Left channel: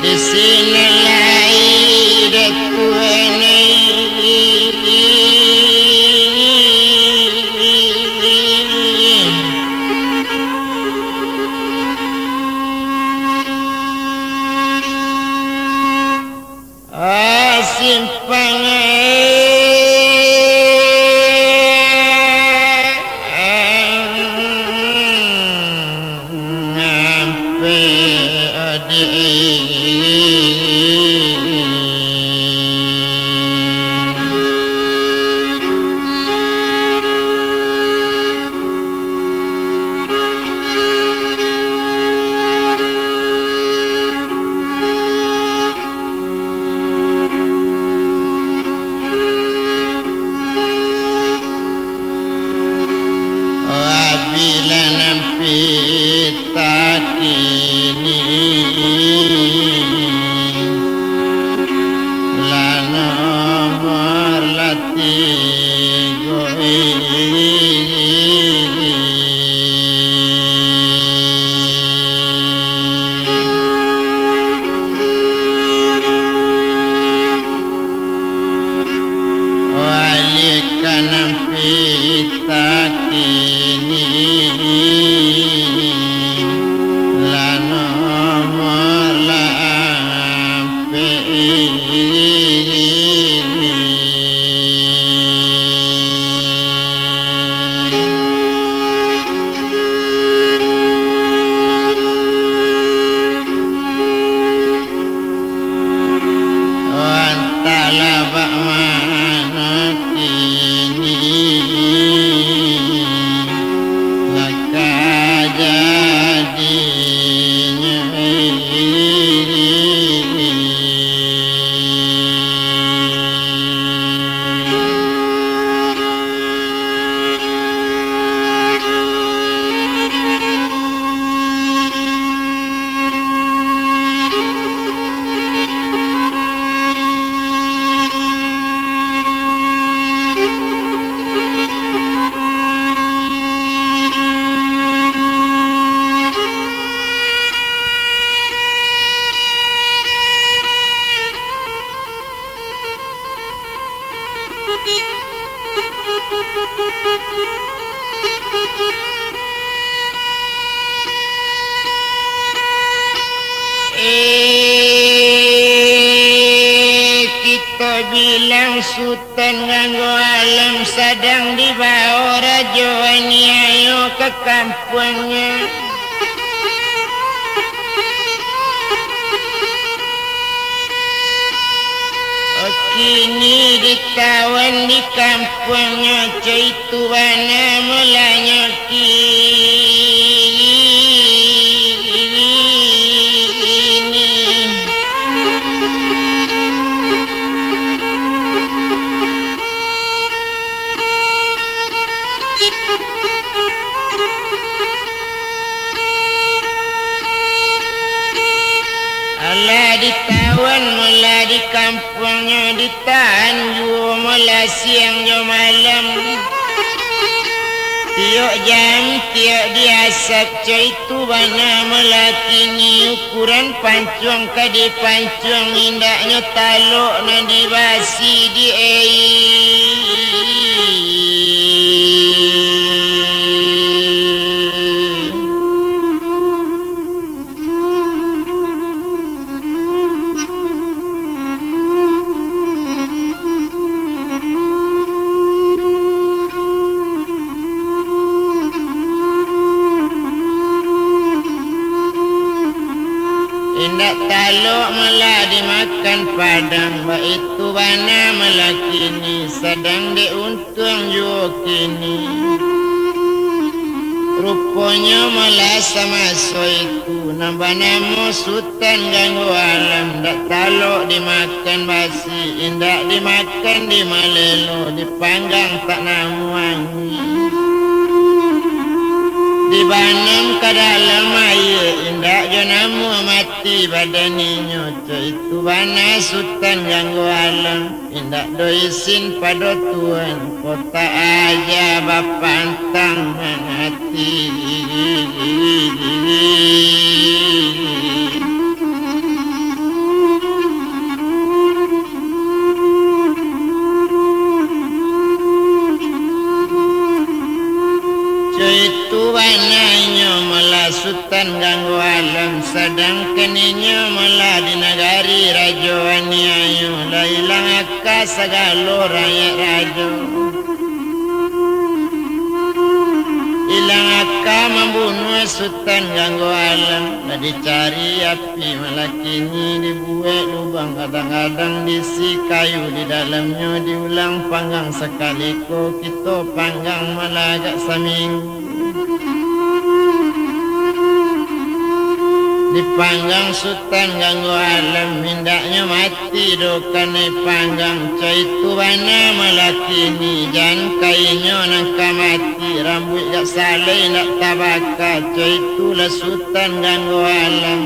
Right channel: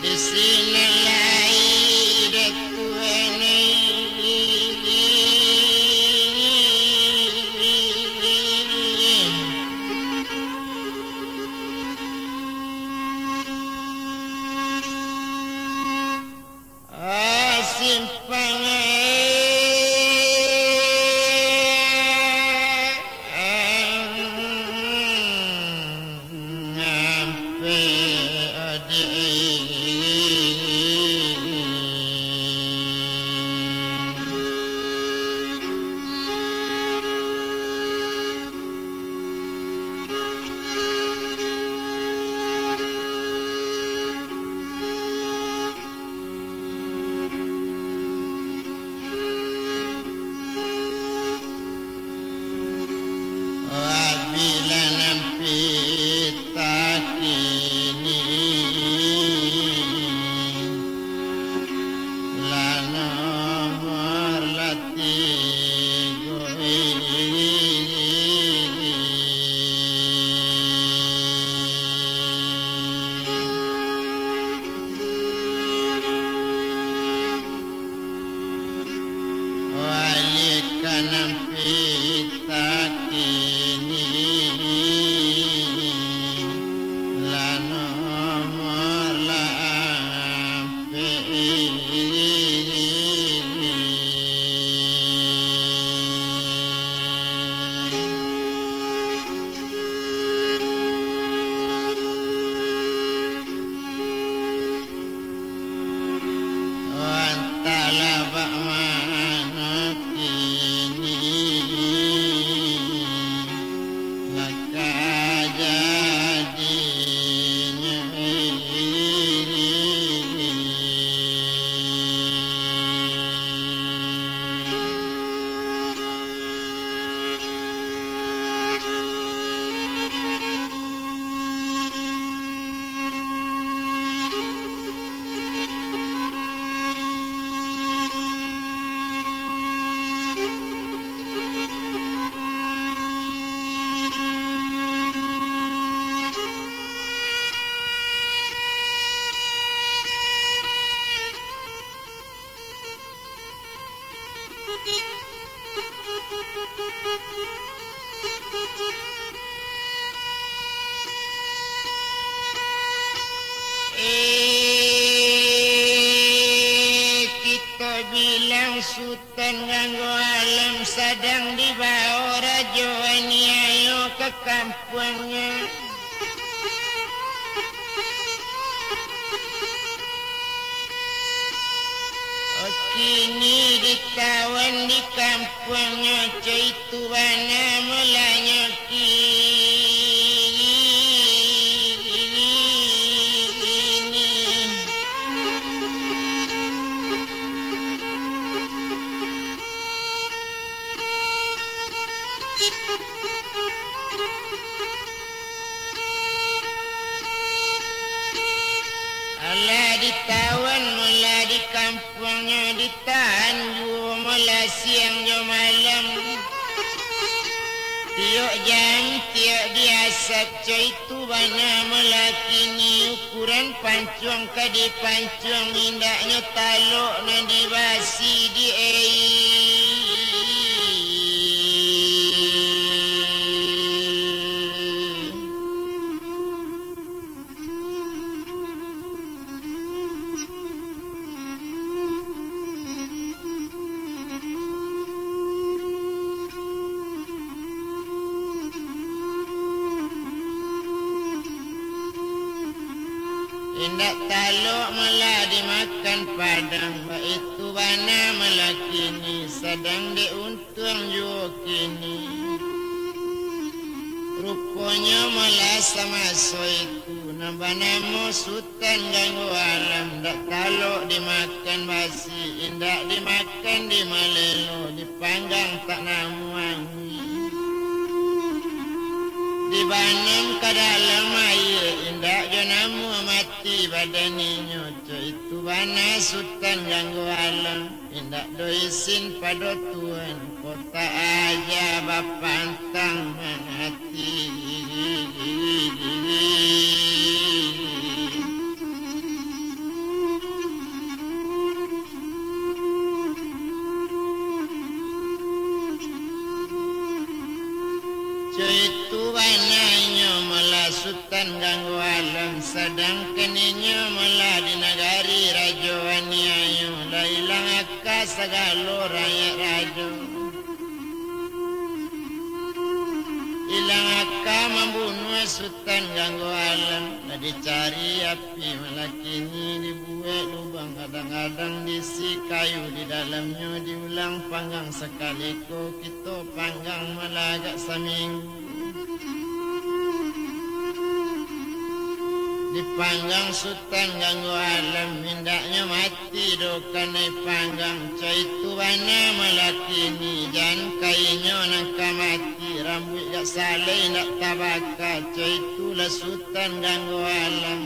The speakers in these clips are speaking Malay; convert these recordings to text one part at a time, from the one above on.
di sini lahir tuane simpang kita bilang sultan nganggo alam sedang dibawa raja ini ayo ke kampungnya. Kini ditawan di kampungnya caitu bana mulanya Alah ditawan mula di kampungnya ditahan juga mula siang jo malam tiok jam tiok diasak caitu bana mula kini ukuran pancung ke di pancung indaknya taluk na dibasi di indak taluk malah dimakan padang itu bana malah kini sedang diuntung juga kini rupanya malah sama so itu nambah namo sultan ganggu alam dak taluk dimakan basi indak dimakan di malelo dipanggang tak namu wangi dibanam ke dalam air indak jonamu mati badaninya itu bana sultan ganggu alam indak doisin pada tuan kota aja bapa antang hati ganggu alam sedangkan inyo malah di negari rajo aniayo lailang akka sagalo rakyat rajo ilang akka membunuh sultan ganggu alam nah dicari api malah kini dibuat lubang kadang-kadang diisi kayu di dalamnya diulang panggang sekali ko kita panggang malah agak seminggu dipanggang sultan ganggu alam mindaknya mati dokane panggang caitu bana malakini jan kainyo nangka mati rambut gak saleh nak tabaka caitulah sultan ganggu alam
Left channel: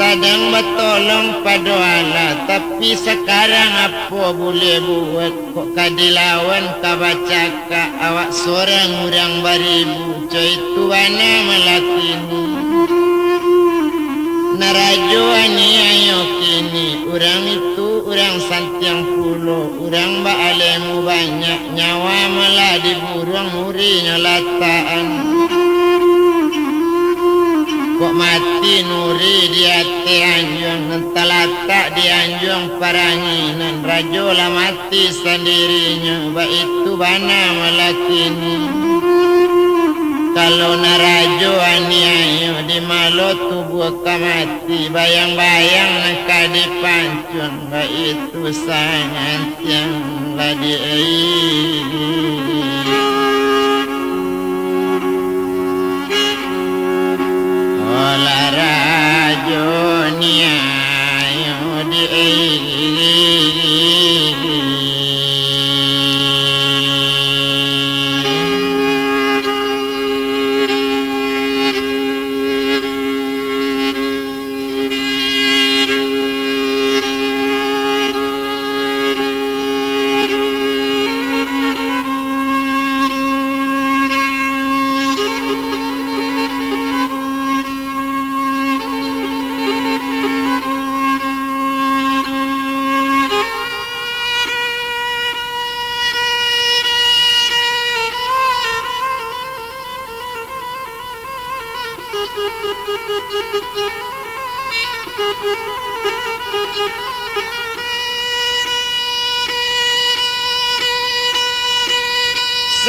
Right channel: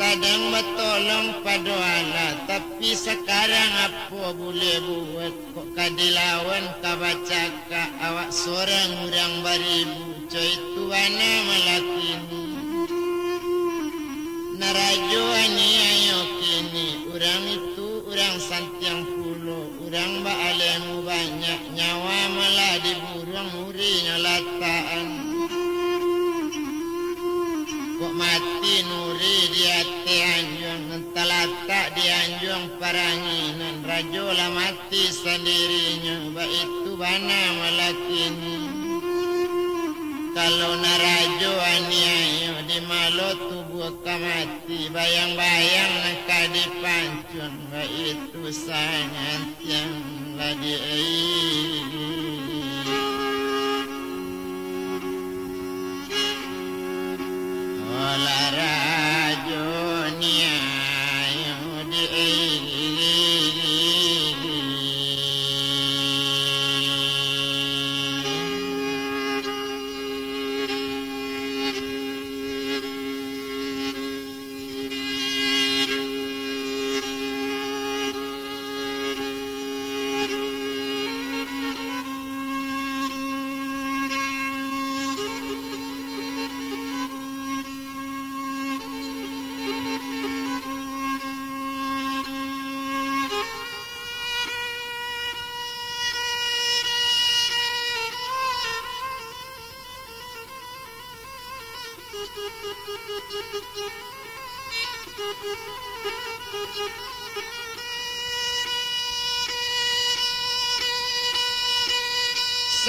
sadang bertolong pada Allah tapi sekarang apa boleh buat kok kadilawan kabacaka awak seorang urang baribu caitu bana malakini narajo ani ayo kini orang itu orang santiang pulo orang baalemu banyak nyawa malah diburuang murinya lataan kok mati nuri di hati anjung nentalata di anjung paranginan rajo lah mati sendirinya ba itu bana malah kini kalau narajo ani ayo di malo tubuh kamati bayang-bayang nangka dipancun ba itu sangat yang ladi olah rajo ni ayo di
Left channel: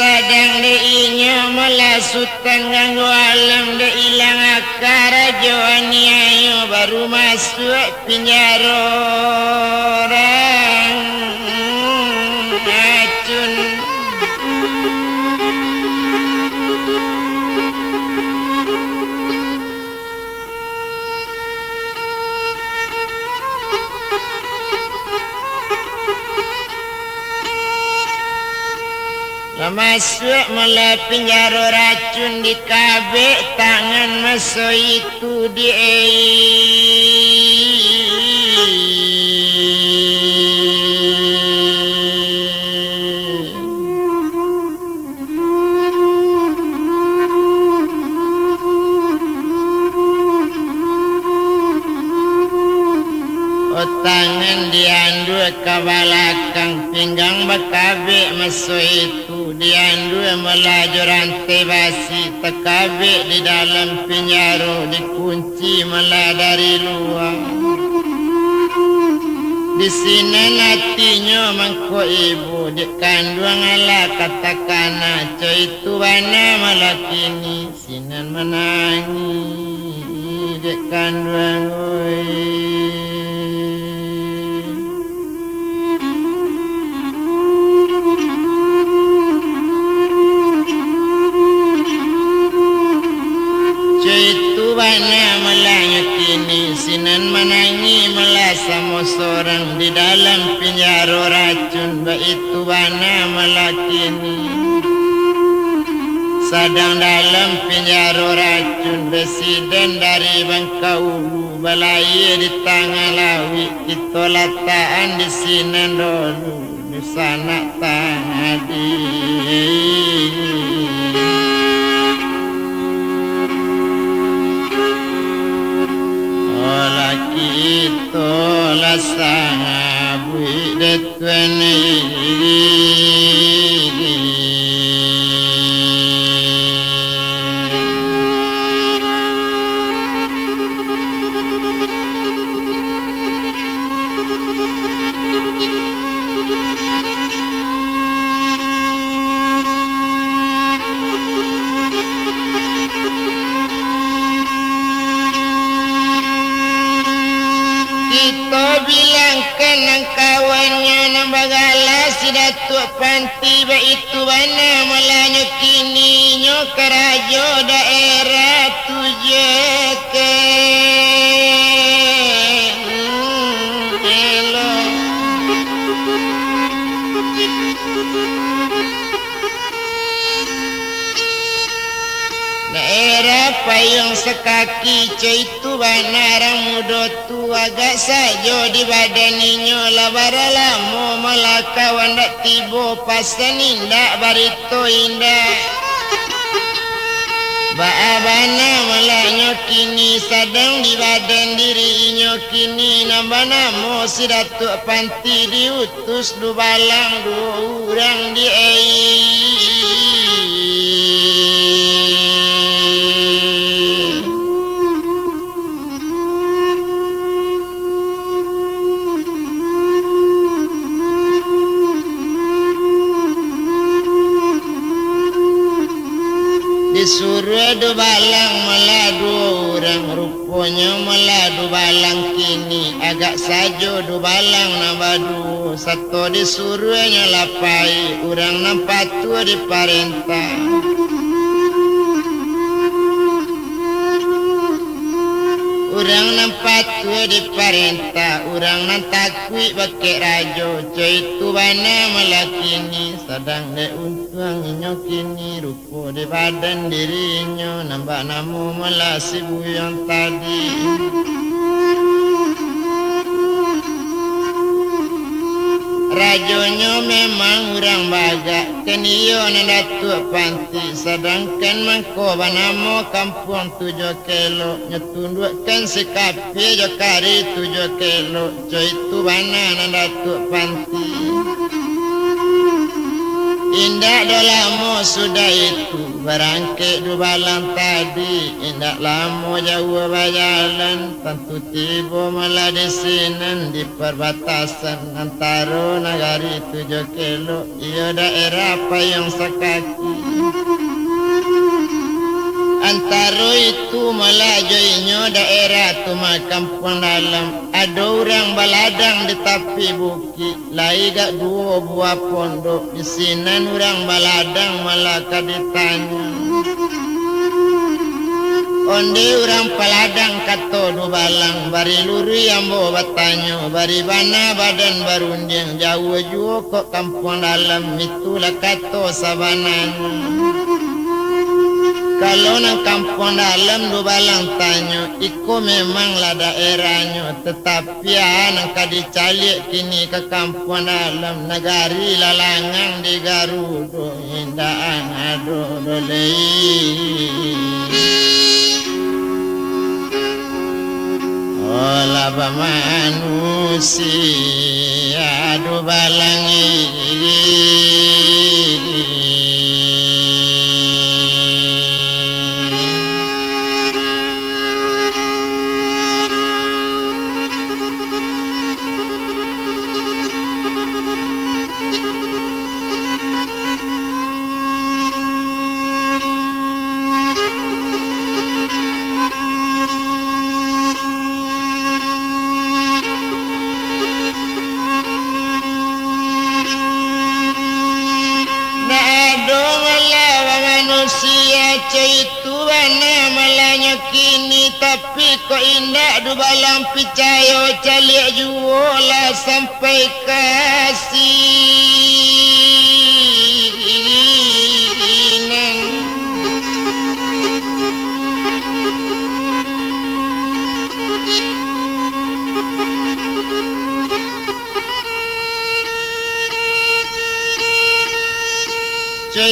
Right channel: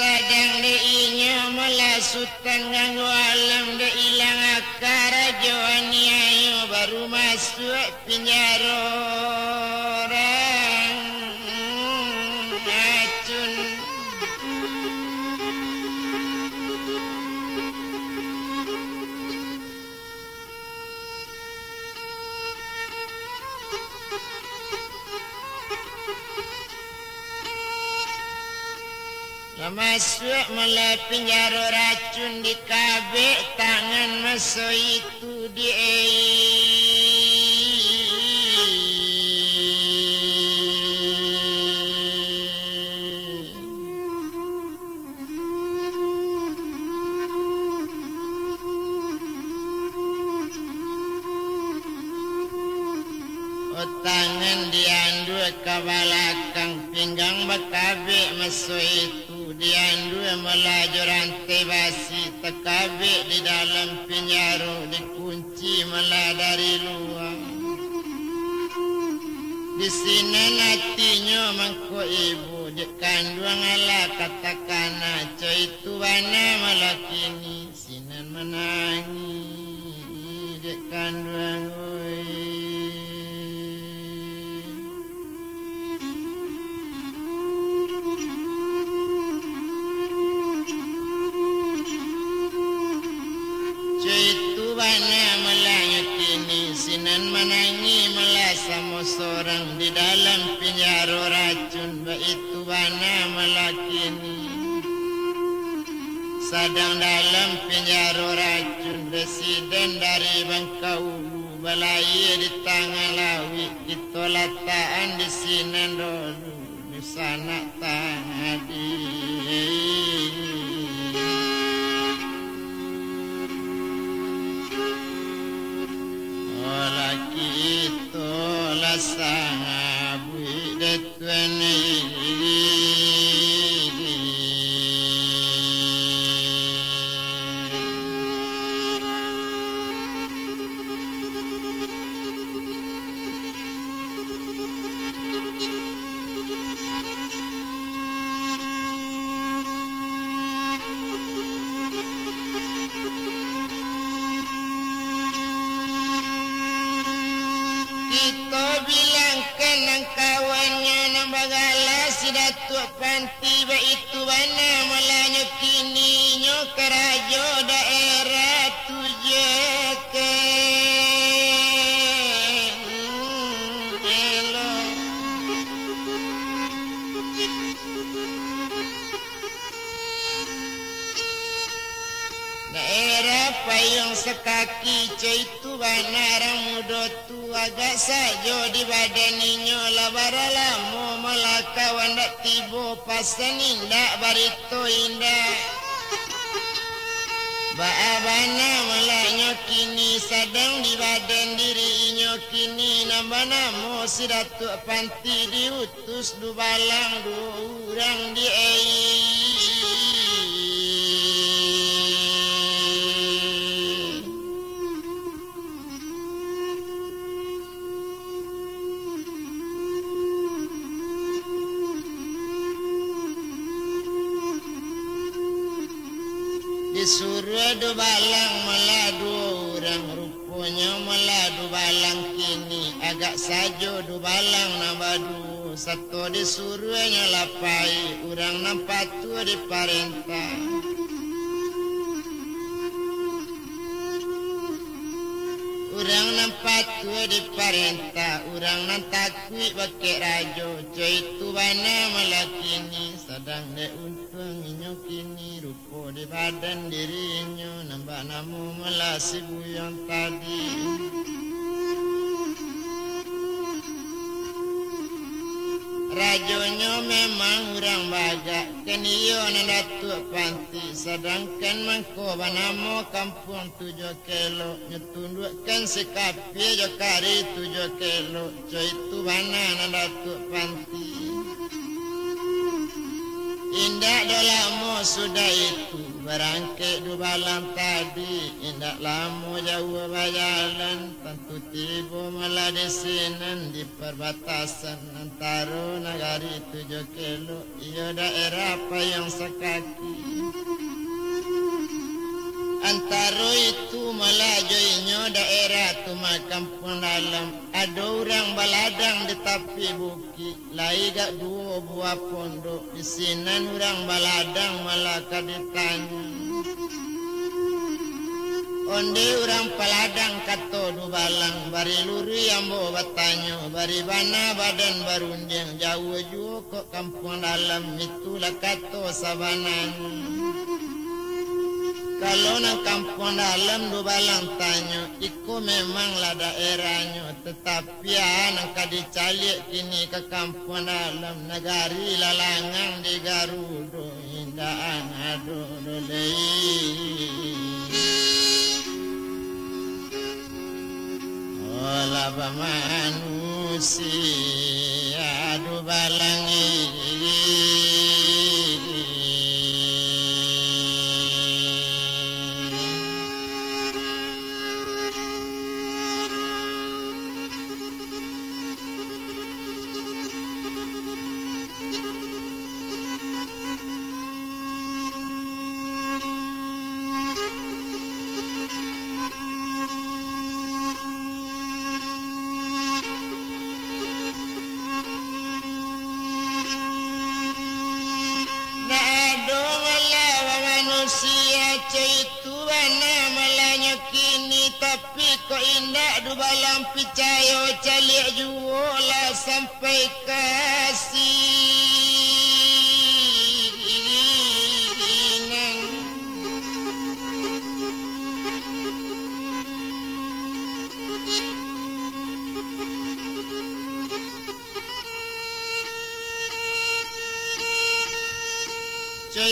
sadang diinyo malah sultan ganggu alam de ilang akar rajo ani ayo baru masuk penjara orang acun masuk malah penjara racun di kabek tangan masuk itu di tangan diandu ke belakang pinggang bakabe masuk itu diandu melaju rantai basi tekabe di dalam penjara dikunci malah dari luar di sini hatinya mangko ibu di kandung ala katakan itu bana malah kini sinan menangis di kandung bana malah kini sinan menangi malah sama seorang di dalam penjara racun ba itu bana malah kini sadang dalam penjara racun presiden dari Bangkaulu balai di tengah lawi kita lataan di sinan dulu di sana tadi itolah sahabu detwene to bilangkan ang kawannya ng bagala si Datuk Panti ba itu bana malanyo kini nyo karajo daerah tujeke daerah payung sekaki coy tu banarang mudo tu agak sajo di badan ninyo labara lamo malakawan dak tibo pasan indak barito indak baabana malanyo kini sadang di badan diri inyo kini nambana mo si Datuk Panti diutus du balang du urang di disuruh du balang meladu orang rupanya meladu balang kini agak sajo du balang nabadu satu disuruhnya lapai orang nampak tu di parentah orang nampak tu di parentah orang nantakui pakai rajo coy tu bana melakini sedang de untuang inyo kini rupo di badan dirinya nampak namu melasi buyang tadi rajonyo memang orang bagak keniyo na Datuk Panti sedangkan mangko banamo kampung 7 kilo nyetundukkan sikapi jokari 7 kilo coy tu bana na Datuk Panti indak dolamo sudah itu barangke du balang tadi indak lamo jauh bajalan tentu tiba malah desinan di perbatasan antara negari 7 kilo ia daerah payung sekaki antara itu melajuinya daerah tu kampung dalam ada orang baladang di tepi bukit lai gak 2 buah pondok di sini orang baladang malah ditanya onde orang peladang kato du balang bari luri ambo batanyo bari bana badan barunding jauh jauh kok kampung dalam itulah kato sabananya kalau nang kampung dalam du balang tanyo iko memanglah daerahnya tetapi nang kadicalik kini ke kampung dalam negari lalangang di Garudo indaan ado dolei olah manusia du balang itu bana malanya kini tapi kok indak du balang picayo calik juola sampai kasinan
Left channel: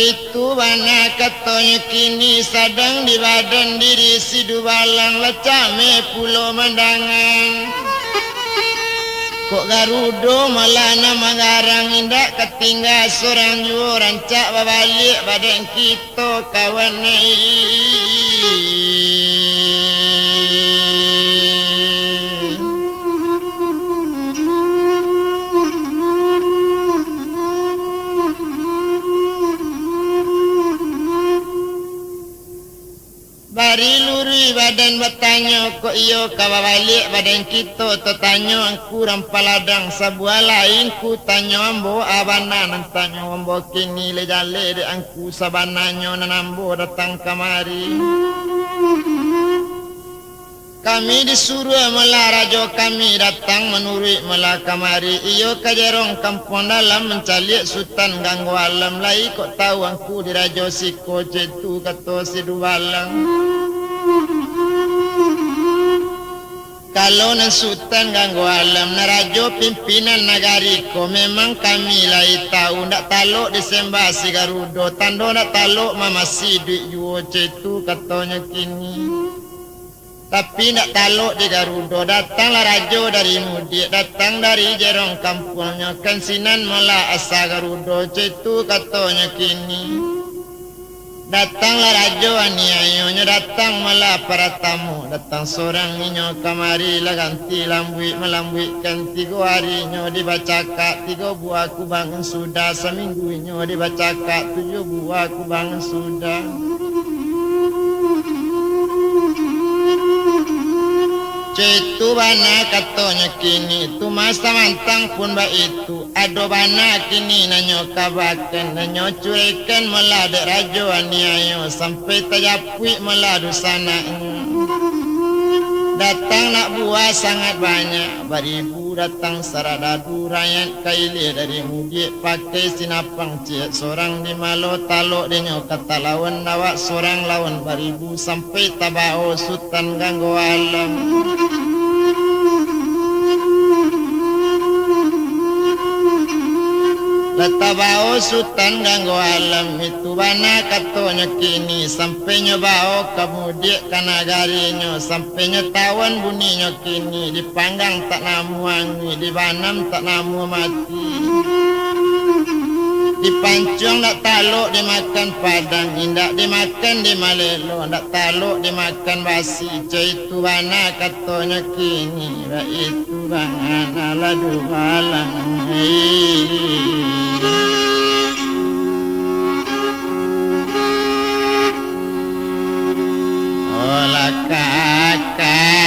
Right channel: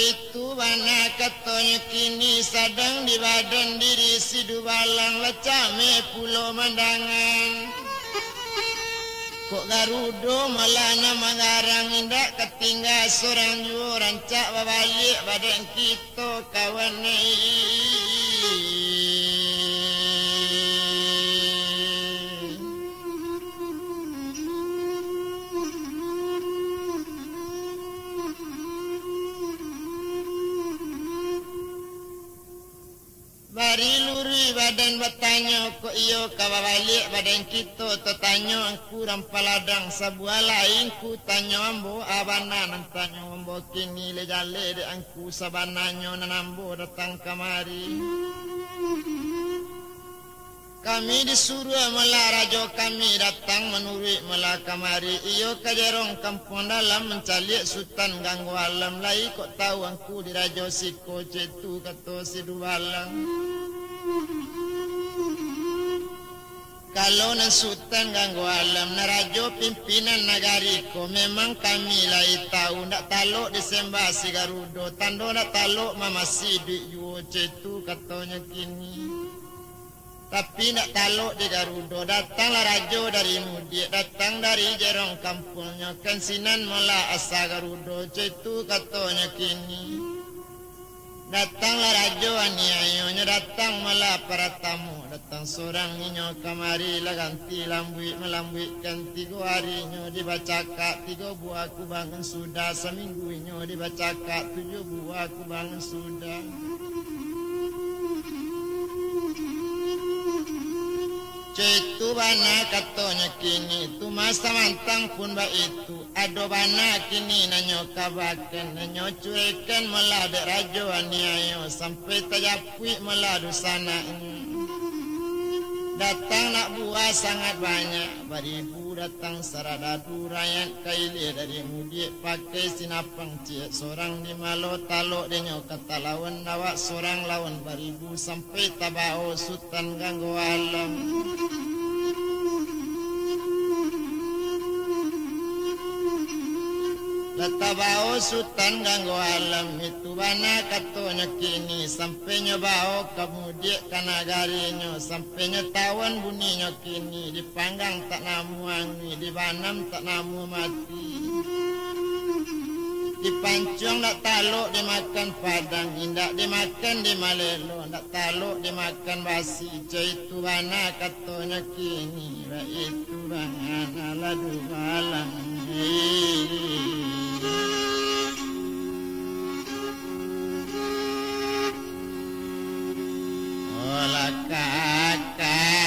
itu bana katanya kini sadang di badan diri si du balang lecame pulau mandangan kok Garudo malah nama garang indak ketinggal seorang jua rancak babalik badan kita kawan bari luri badan bertanya kok iyo kawa balik badan kita tu tanya aku rampaladang sebuah lain ku tanya ambo abana nan tanya ambo kini le jale de angku sabananyo nanambo datang kemari. Kami disuruh mela rajo kami datang menurut mela kamari. Iyo kajerong kampung dalam mencalik sultan ganggu alam lai kok tahu angku di rajo siko cetu kata si dubalang. Kalau nan sultan ganggu alam na rajo pimpinan nagari ko memang kami lai tahu ndak taluk disembah si Garudo tando ndak taluk mamasi duit juo cetu katanya kini. Tapi nak taluk di Garudo datanglah rajo dari Mudik datang dari jerong kampungnya kan sinan mula asa Garudo cetu katanya kini. Datanglah rajo aniayonya datang mula para tamu datang seorang ninyo kamari lah ganti lambuik melambuikan 3 harinya dibacaka 3 buah kubangan sudah seminggunya dibacaka 7 buah kubangan sudah. Cetu bana katanya kini tu masa mantang pun ba itu ado bana kini nanyo kabakan nanyo curekan melade rajo aniayo sampai tajapui meladu sana. Datang nak buah sangat banyak baribu datang saradadu rakyat kaili dari Mudik pakai sinapang cik seorang di malo taluk denyo kata lawan nawak seorang lawan baribu sampai tabao sultan ganggu alam. Letabao sultan ganggu alam itu bana katanya kini sampai nyobao kemudian kanagarinya sampai nyetawan bunyinya kini dipanggang tak namu wangi dibanam tak namu mati dipancung tak taluk dimakan padang indak dimakan di malelo tak taluk dimakan basi itu bana katanya kini itu bana ladu alam. Olah kakarenya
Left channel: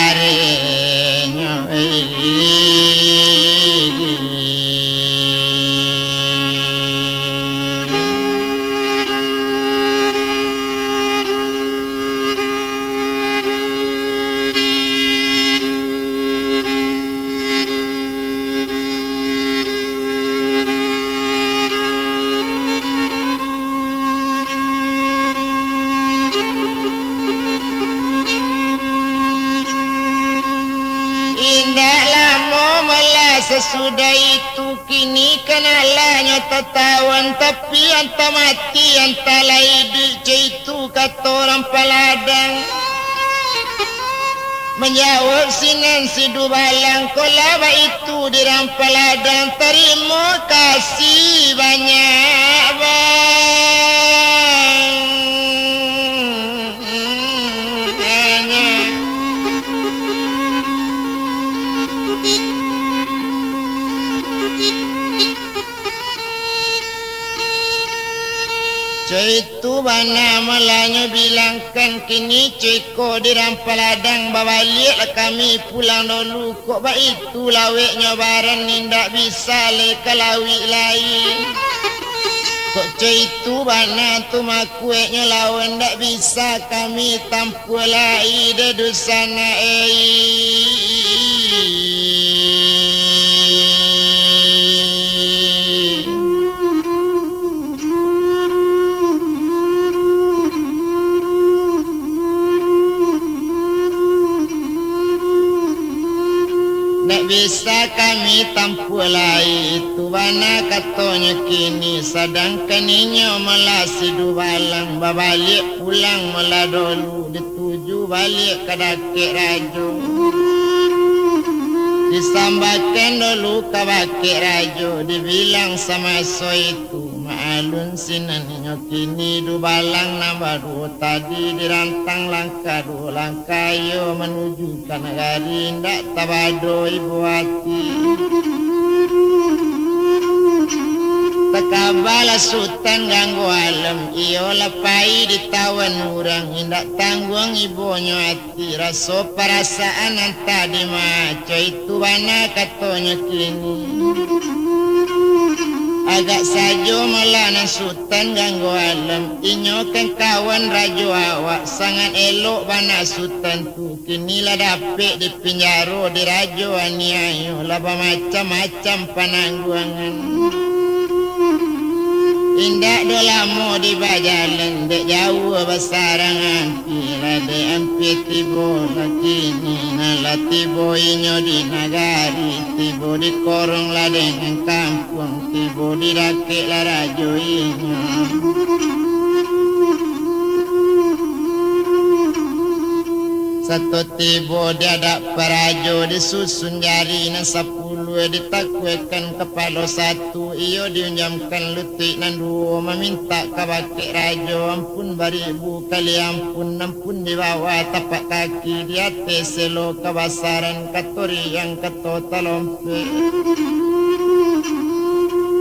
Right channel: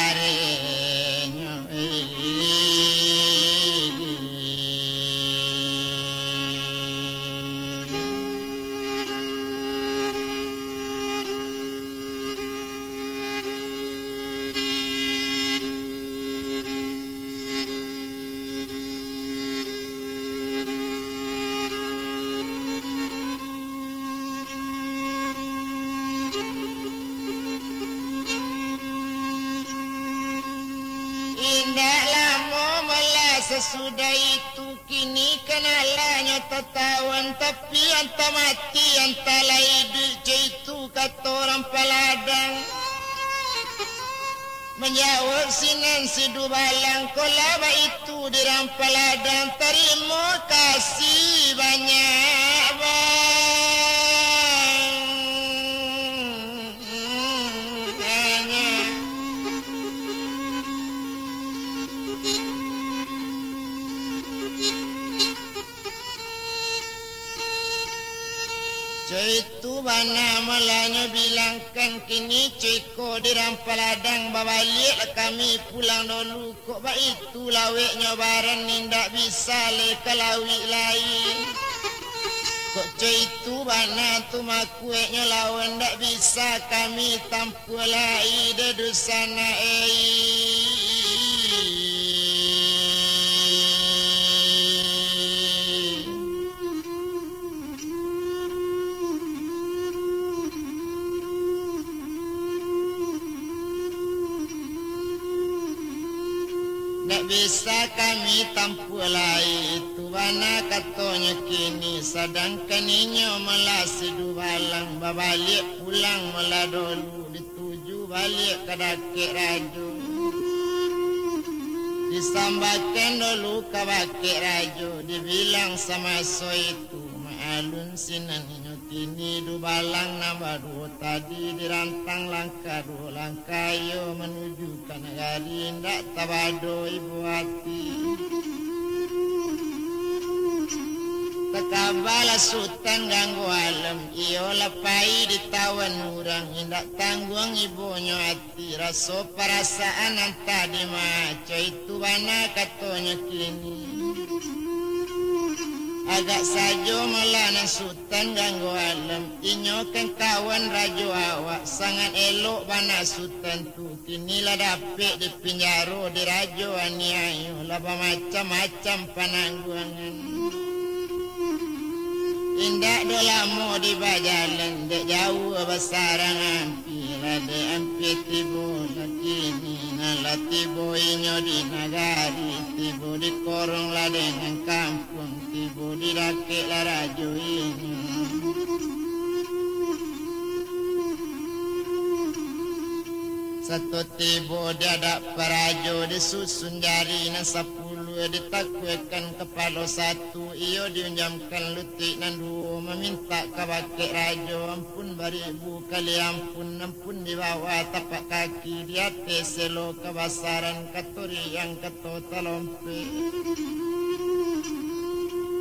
sesudah itu kini kenalanya tertawan tapi anta mati anta laidi itu kata orang peladang menjawab sinan si dubalang kolaba itu di rampeladang terima kasih banyak bang. Itu bana malanya bilangkan kini ceko di rampeladang balik kami pulang dulu kok ba itu laweknya barang nindak bisa le kalawi lain kok itu bana tu makueknya lawan ndak bisa kami tampul lai de dosana bisa kami tampulai itu bana katanya kini sedangkan inyo melasi dubalang babalik pulang meladolu dituju balik ke dakik rajo disambakan dulu ke bakik rajo dibilang sama so itu maalun sinan inyo kini dubalang nambah tadi dirantang langkah 2 langkah yo menuju ke negari ndak tabado ibu hati Takabala sultan ganggu alam iyo lapai ditawan urang indak tanggung ibonyo hati raso perasaan anta di maco itu bana katonyo kini agak sajo malanan sultan ganggu alam inyo kan kawan rajo awak sangat elok bana sultan tu kini lah dapet di penjaro di rajo aniayo laba macam-macam panangguangan indak dolamo di bajalan dek jauh basarangan pila de ampi tibo lakini nala tibo inyo di nagari tibo di korong la dengan kampung tibo di rakek la rajo inyo satu tibo dia ada parajo disusun jari nan 10 ditakwekan kepala satu iyo diunjamkan lutik nan 2 meminta kabake rajo ampun baribu kali ampun di bawah tapak kaki di atas selo kabasaran katori yang kato talompe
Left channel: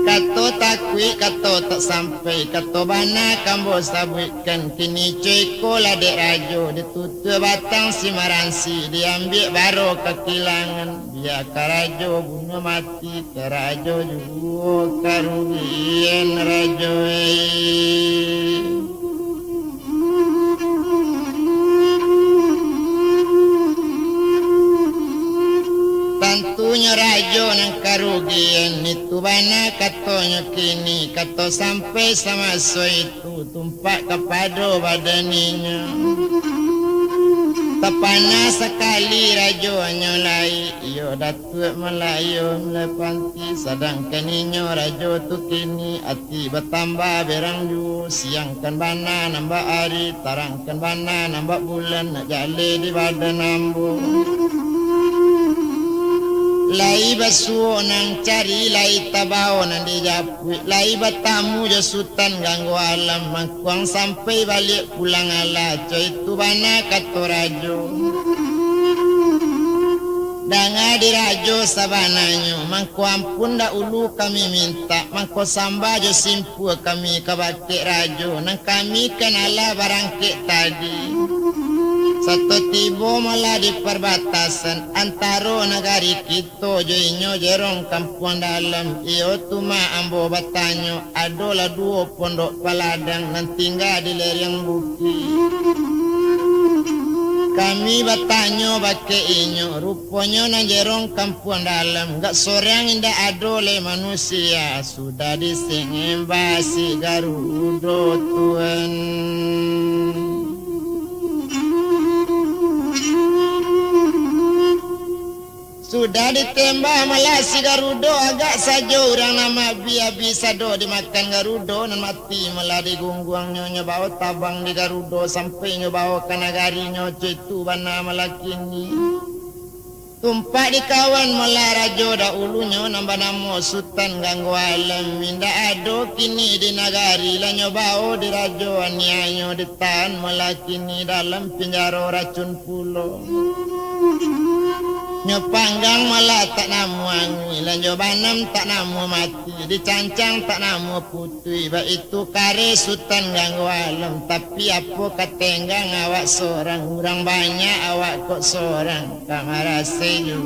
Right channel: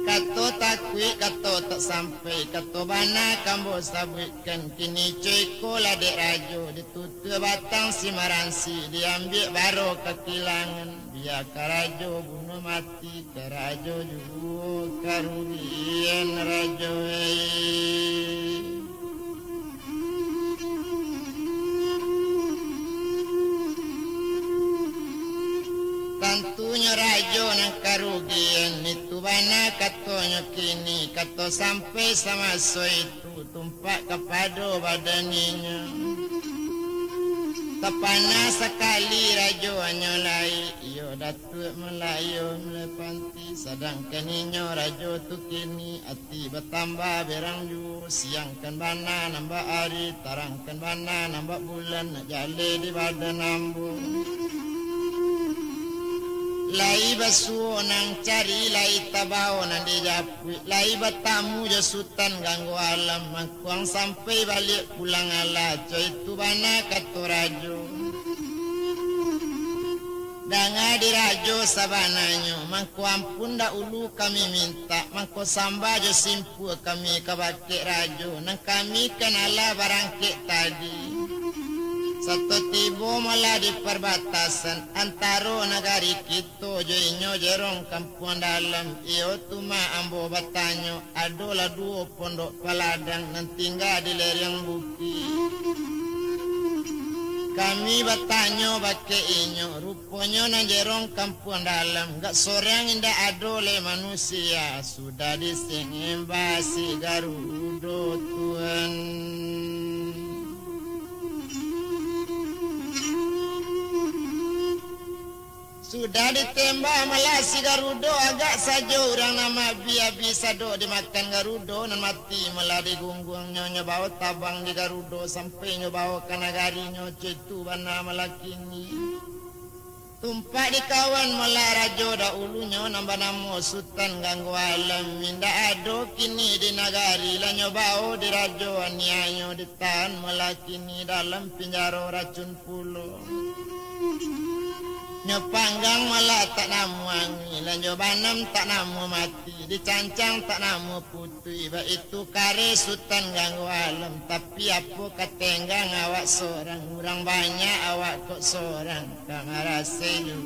kato takwi kato tak sampai kato bana kambo sabutkan kini cuy kola dek rajo ditutup batang si maransi diambil baro kekilangan biar karajo bunuh mati karajo juga karugian rajo Tantunya rajo nang karugian itu bana katonyo kini kato sampai sama so itu tumpak kepado badaninya tapana sekali rajo nyolai iyo datuk melayu melepanti sedangkan inyo rajo tu kini ati bertambah berang ju siangkan bana nambah hari tarangkan bana nambah bulan nak jale di badan ambu lai basuo nang cari lai tabao nang dijapui lai batamu jo sultan ganggu alam mangkuang sampai balik pulang ala coy itu bana kato rajo danga di rajo sabananyo mangko ampun da ulu kami minta mangko samba jo simpu kami kabake rajo nang kami kenala barangke tadi satu tibo malah di perbatasan antara negari kita jo inyo jerong kampung dalam iyo tuma ambo batanyo adola 2 pondok paladang nan tinggal di lereng bukit kami batanyo bake inyo ruponyo nan jerong kampung dalam gak sorang indah adole manusia sudah disengin basi Garudo Tuhan sudah ditembak malah si Garudo agak saja orang nama biar bisa do dimakan Garudo dan mati malah digungguang nyonya bawa tabang di Garudo sampai nyobawa ke nagari nyonya itu bana malah kini tumpak di kawan malah rajo da ulunya nambah namo sultan ganggu alam minda ado kini di nagari lah nyobawa di rajo anianyo ditahan malah kini dalam penjara racun pulau nyopanggang malah tak namu angi lanjo banam tak namu mati dicancang tak namu putui ba itu kare sultan ganggu alam tapi apa katenggang awak seorang orang banyak awak kok seorang kamar seju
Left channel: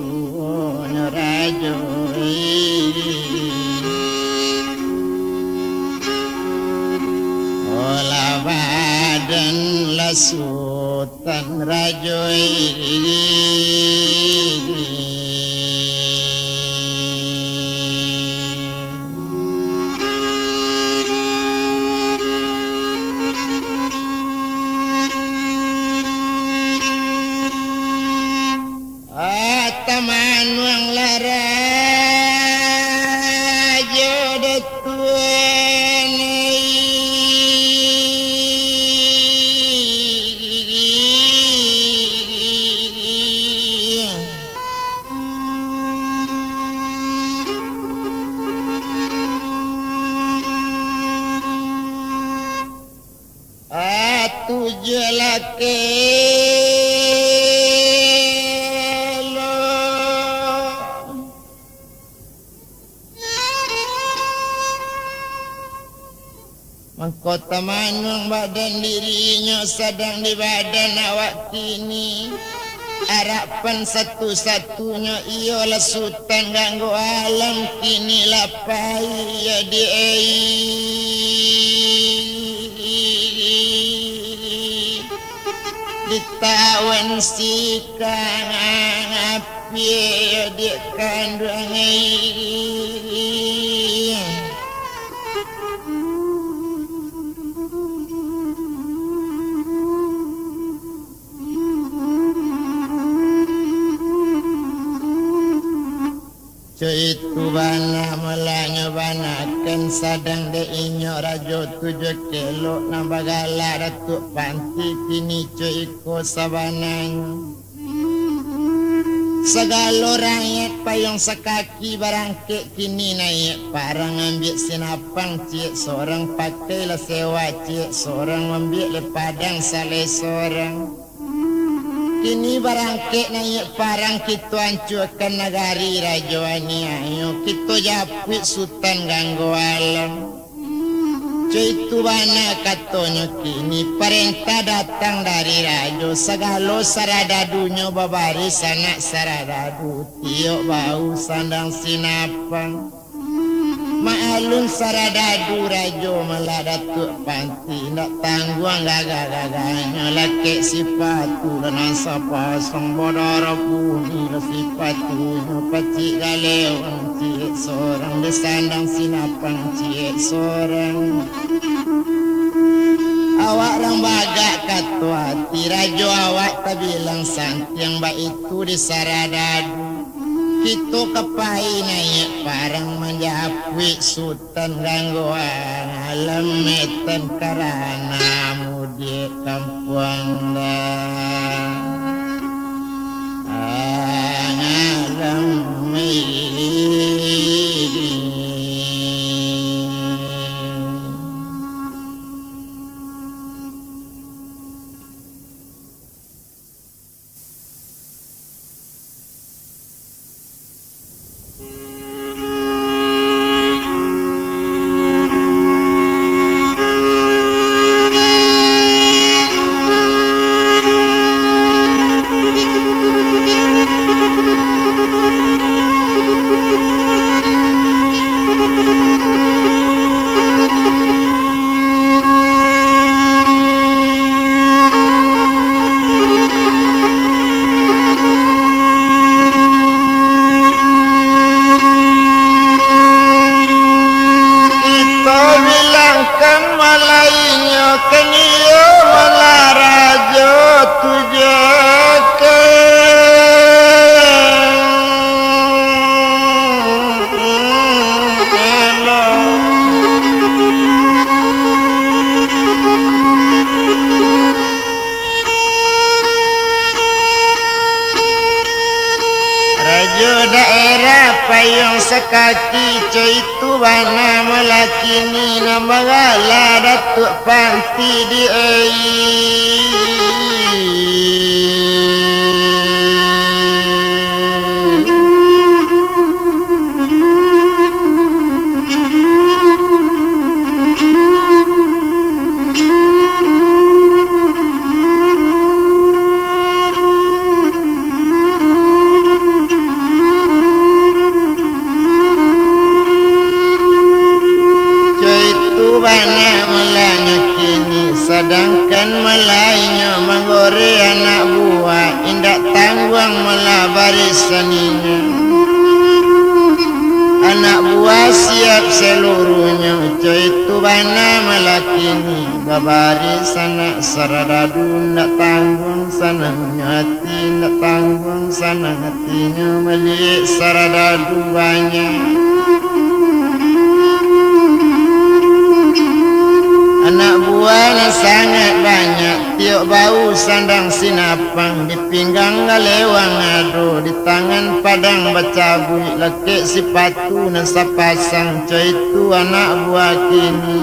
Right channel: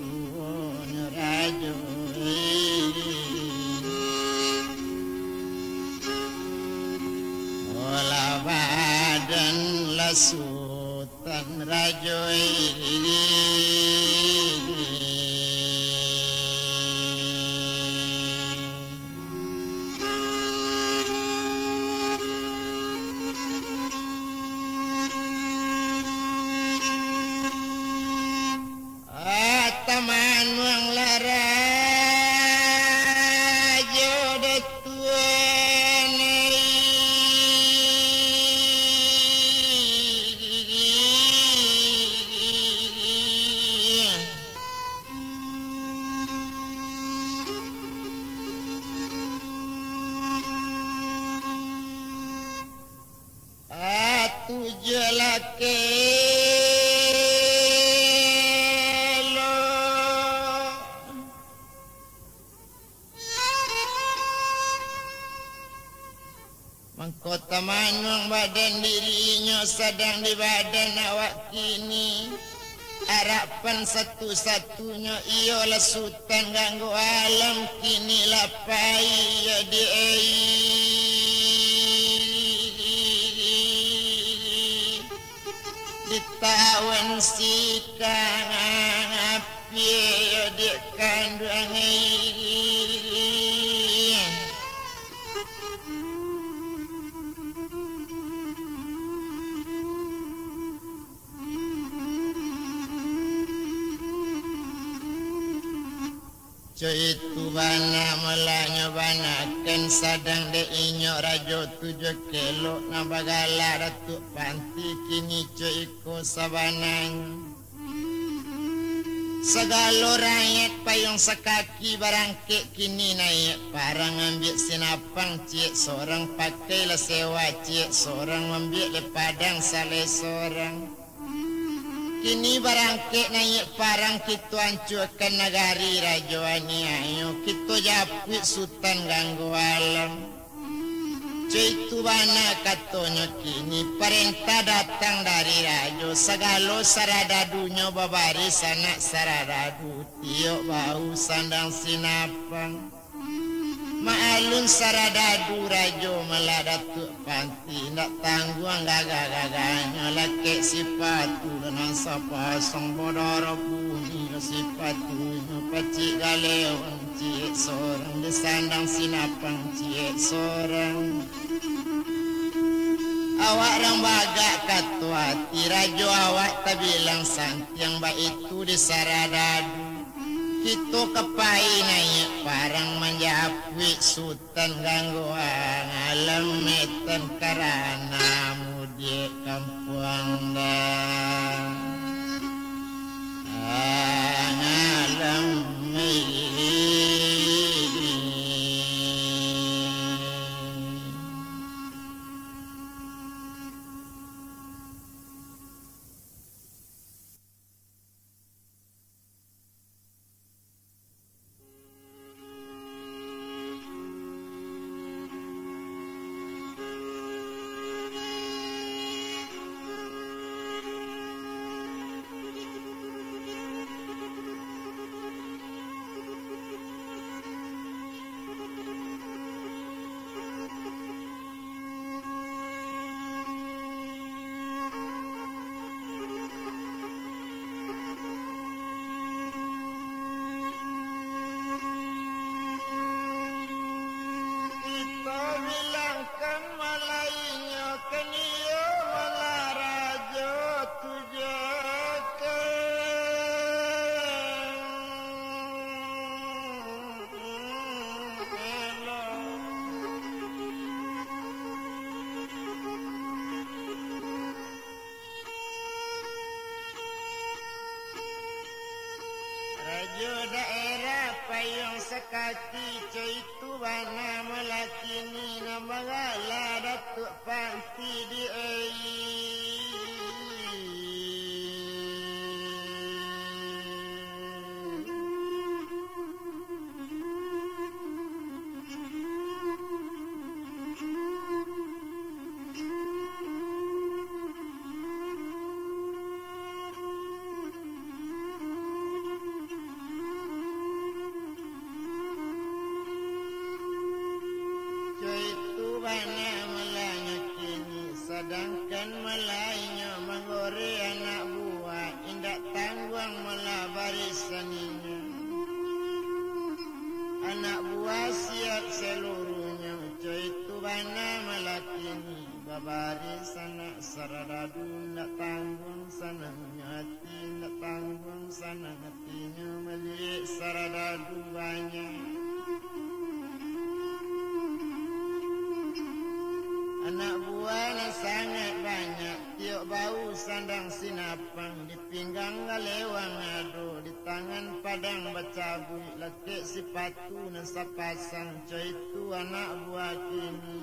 nyorajo olah badan la sultan rajo teman wang lara jodoh tuan tujuh laki Kota Manung badan dirinya sedang di badan awak kini. Harapan satu-satunya ialah sultan ganggu alam kini lapai ya ditawan sikang api ya di kandang itu bana melanya banakan sadang de inyo rajo tujuh kilo nabagala ratu panti kini iko sabananya segala rakyat payung sekaki barangke kini naik parang ambil sinapang cik seorang pakai lah sewa cik seorang ambil le padang saleh seorang. Kini barangke naik parang kita hancurkan negari rajoani ayo kita japit sultan ganggu alam. Itu bana katanya kini perintah datang dari rajo segala saradadunya babaris anak saradadu tiok bau sandang sinapang. Maalun saradadu rajo meladatuk panti nak tangguang gagah-gagahnya laki sipatu dan sapasang bodara bumi sipatunya pacik galewang cik seorang disandang sinapang cik seorang. Awak lembaga katu hati rajo awak tak bilang santi yang baik itu di saradadu. Kita kepai naik parang menjapui sultan gangguan alam metan karana mudi kampung dah alam payung sekaki itu bana melakini namagala datuk panti di sedangkan melainya menggore anak buah indak tangguang melabari seninya anak buah siap seluruhnya itu bana melakini babari sana saradadu ndak tanggung sana hati ndak tanggung sana hatinya melik saradadu banyak. Anak buahnya sangat banyak, tiok bau sandang sinapang, di pinggang galewang ado, di tangan padang bacabui, lekik sipatu dan sapasang, itu anak buah kini.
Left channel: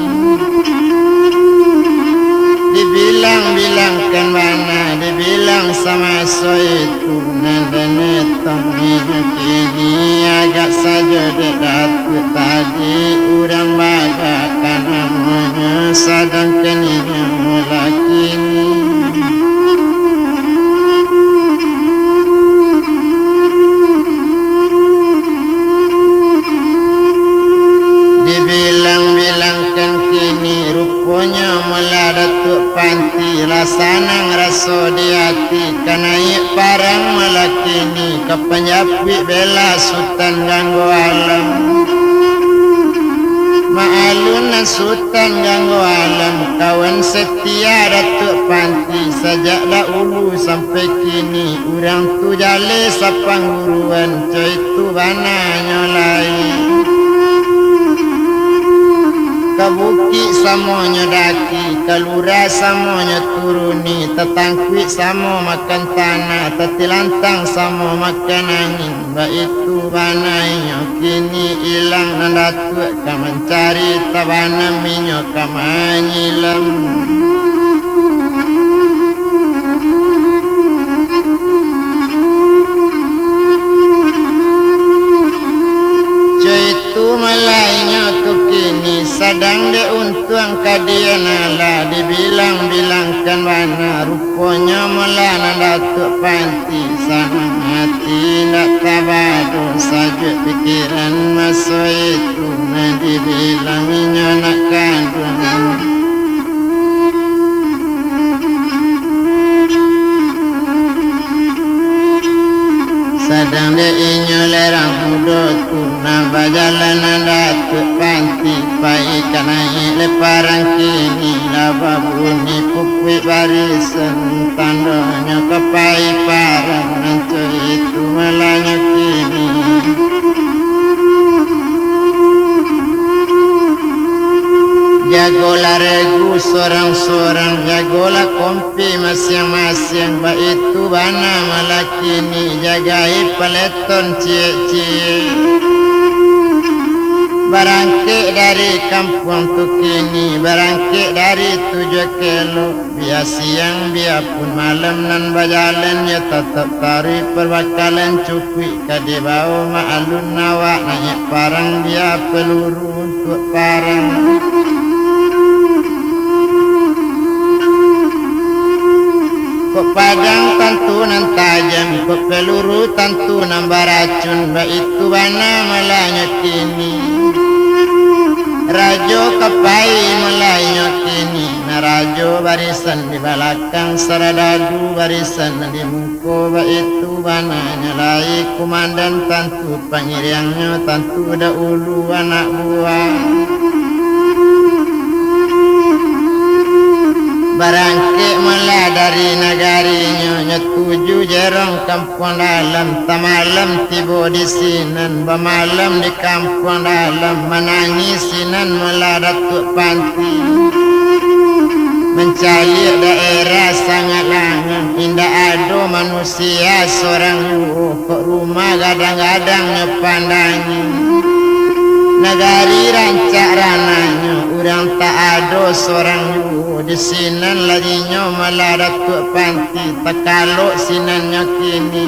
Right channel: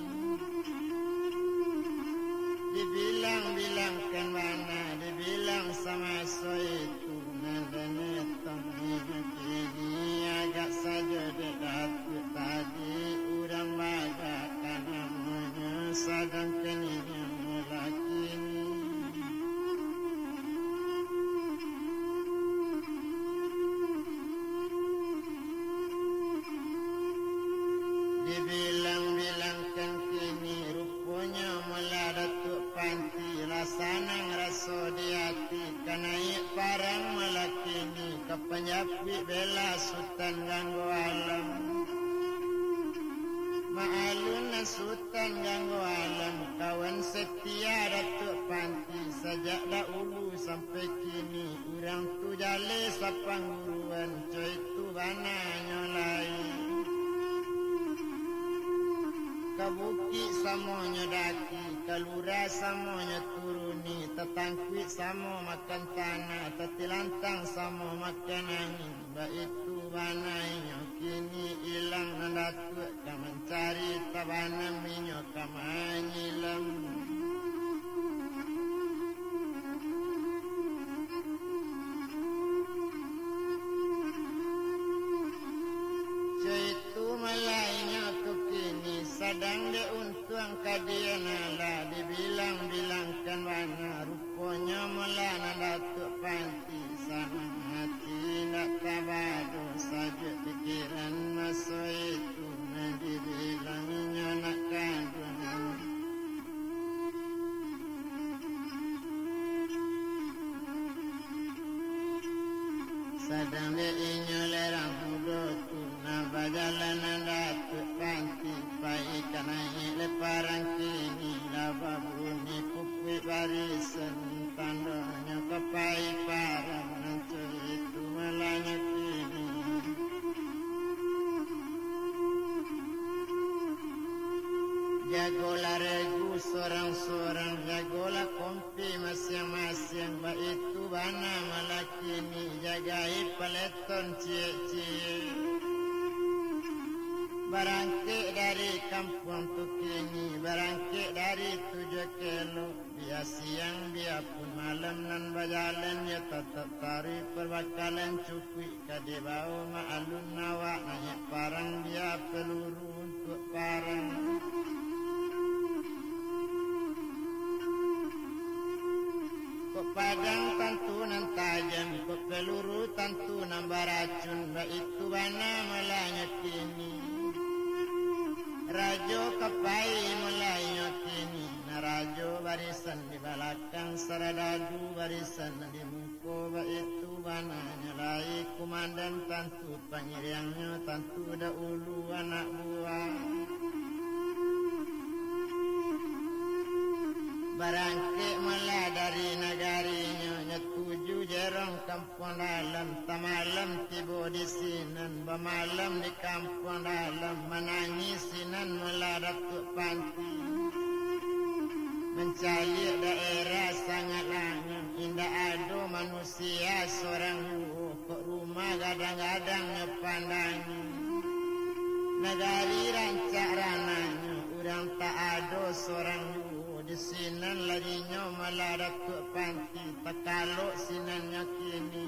Dibilang-bilangkan mana, dibilang sama so itu, nenek-nenek kini agak saja dekat tadi, urang bagakan namanya sadar. kepenjapi bela sultan ganggu alam ma'alun sultan ganggu alam kawan setia Datuk Panti sejak dahulu sampai kini urang tu jale sapang guruan coy tu bana nyolai kabuki samonyo daki kalura samonyo turuni tetangkwi samo makan tanah tetilantang samo makan angin baitu banaiyo kini ilang nandatuk ka mencari tabana minyo kamanyilam sadang de untuang kadiana la dibilang-bilangkan mana rupanya melana Datuk Panti sama hati nak tabadu saja pikiran masa itu nak dibilanginya nak kandungan sadang de inyo lerang muda tu nak berjalanan Datuk Panti pai kanai leparang kini laba bunyi pupui barisan tandanya kepai parang nanco itu malanya kini jagolah regu sorang-sorang jagolah kompi masing-masing baitu bana malah kini jagai peleton cie-cie barangkit dari kampung tu kini barangkit dari 7 kilo biar siang biarpun malam nan berjalan ya tetap tarik perbakalan cukui kadi bau ma'alun nawak naik parang dia peluru untuk parang kok padang tentu nan tajam kok peluru tentu nan beracun baitu bana malanya kini rajo kapai melaynya kini na rajo barisan di belakang saradadu barisan di muka baitu bana nyalai komandan tentu pangiriangnya tentu dahulu anak buah barangkit mula dari negarinya nyetuju jerong kampung dalam tamalam tiba di sinan bemalam di kampung dalam menangis sinan mula Datuk Panti mencari daerah sangat langang indah ada manusia seorang kok rumah kadang-kadang nyepandangi negari rancak rananya urang tak ada seorang di sinan larinya malah Datuk Panti terkaluk sinannya kini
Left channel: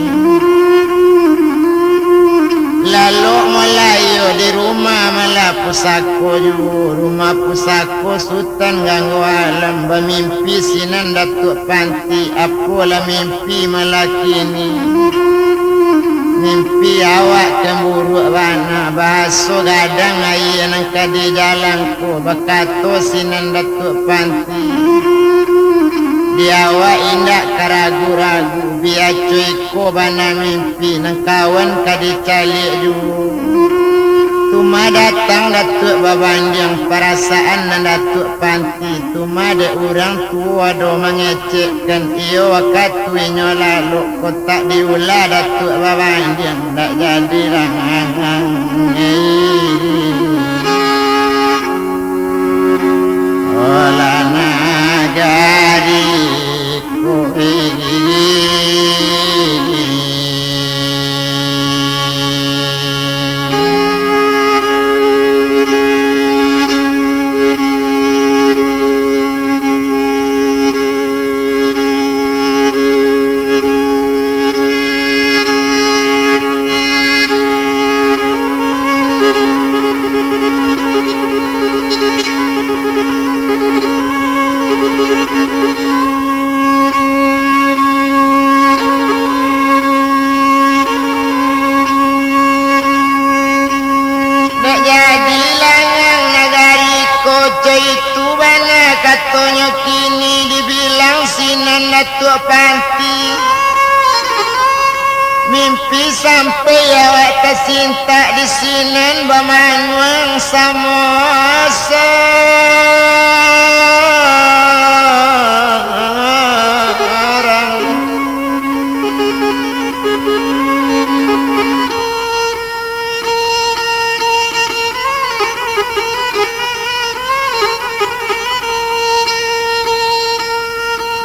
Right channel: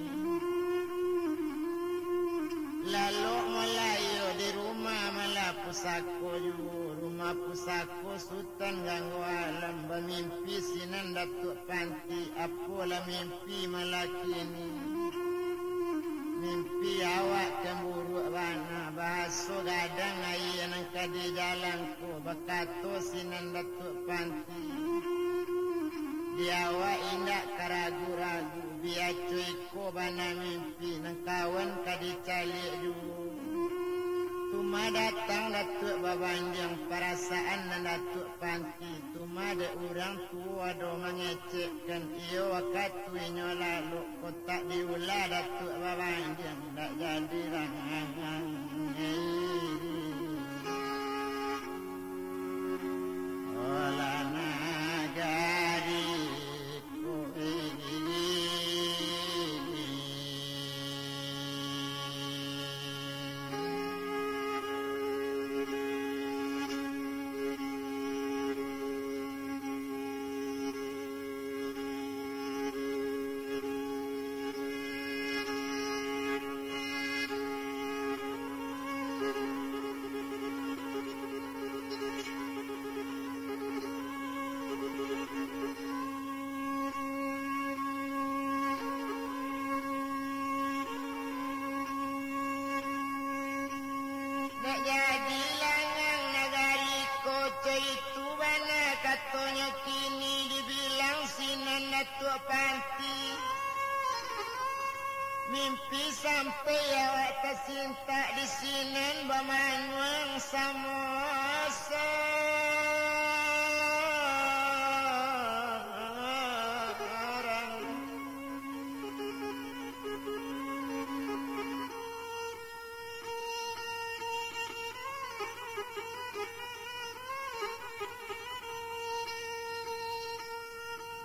lalu melayu di rumah malah pusako rumah pusako sultan ganggu alam bermimpi sinan Datuk Panti apalah mimpi malah kini mimpi awak cemburu bana bahaso gadang air nang kadi jalanku bakato sinan Datuk Panti di awak indak keragu-ragu biar cuiko bana mimpi nang kawan kadi calik juga tuma datang Datuk babanding perasaan nan Datuk Panti tuma de orang tua do mengecekkan iyo wakatunya lalu kotak diulah Datuk babanding tak jadi rangang olah nagari Katanya kini dibilang sinan Datuk Panti mimpi sampai awak tersinta di sinan bamanuang samosa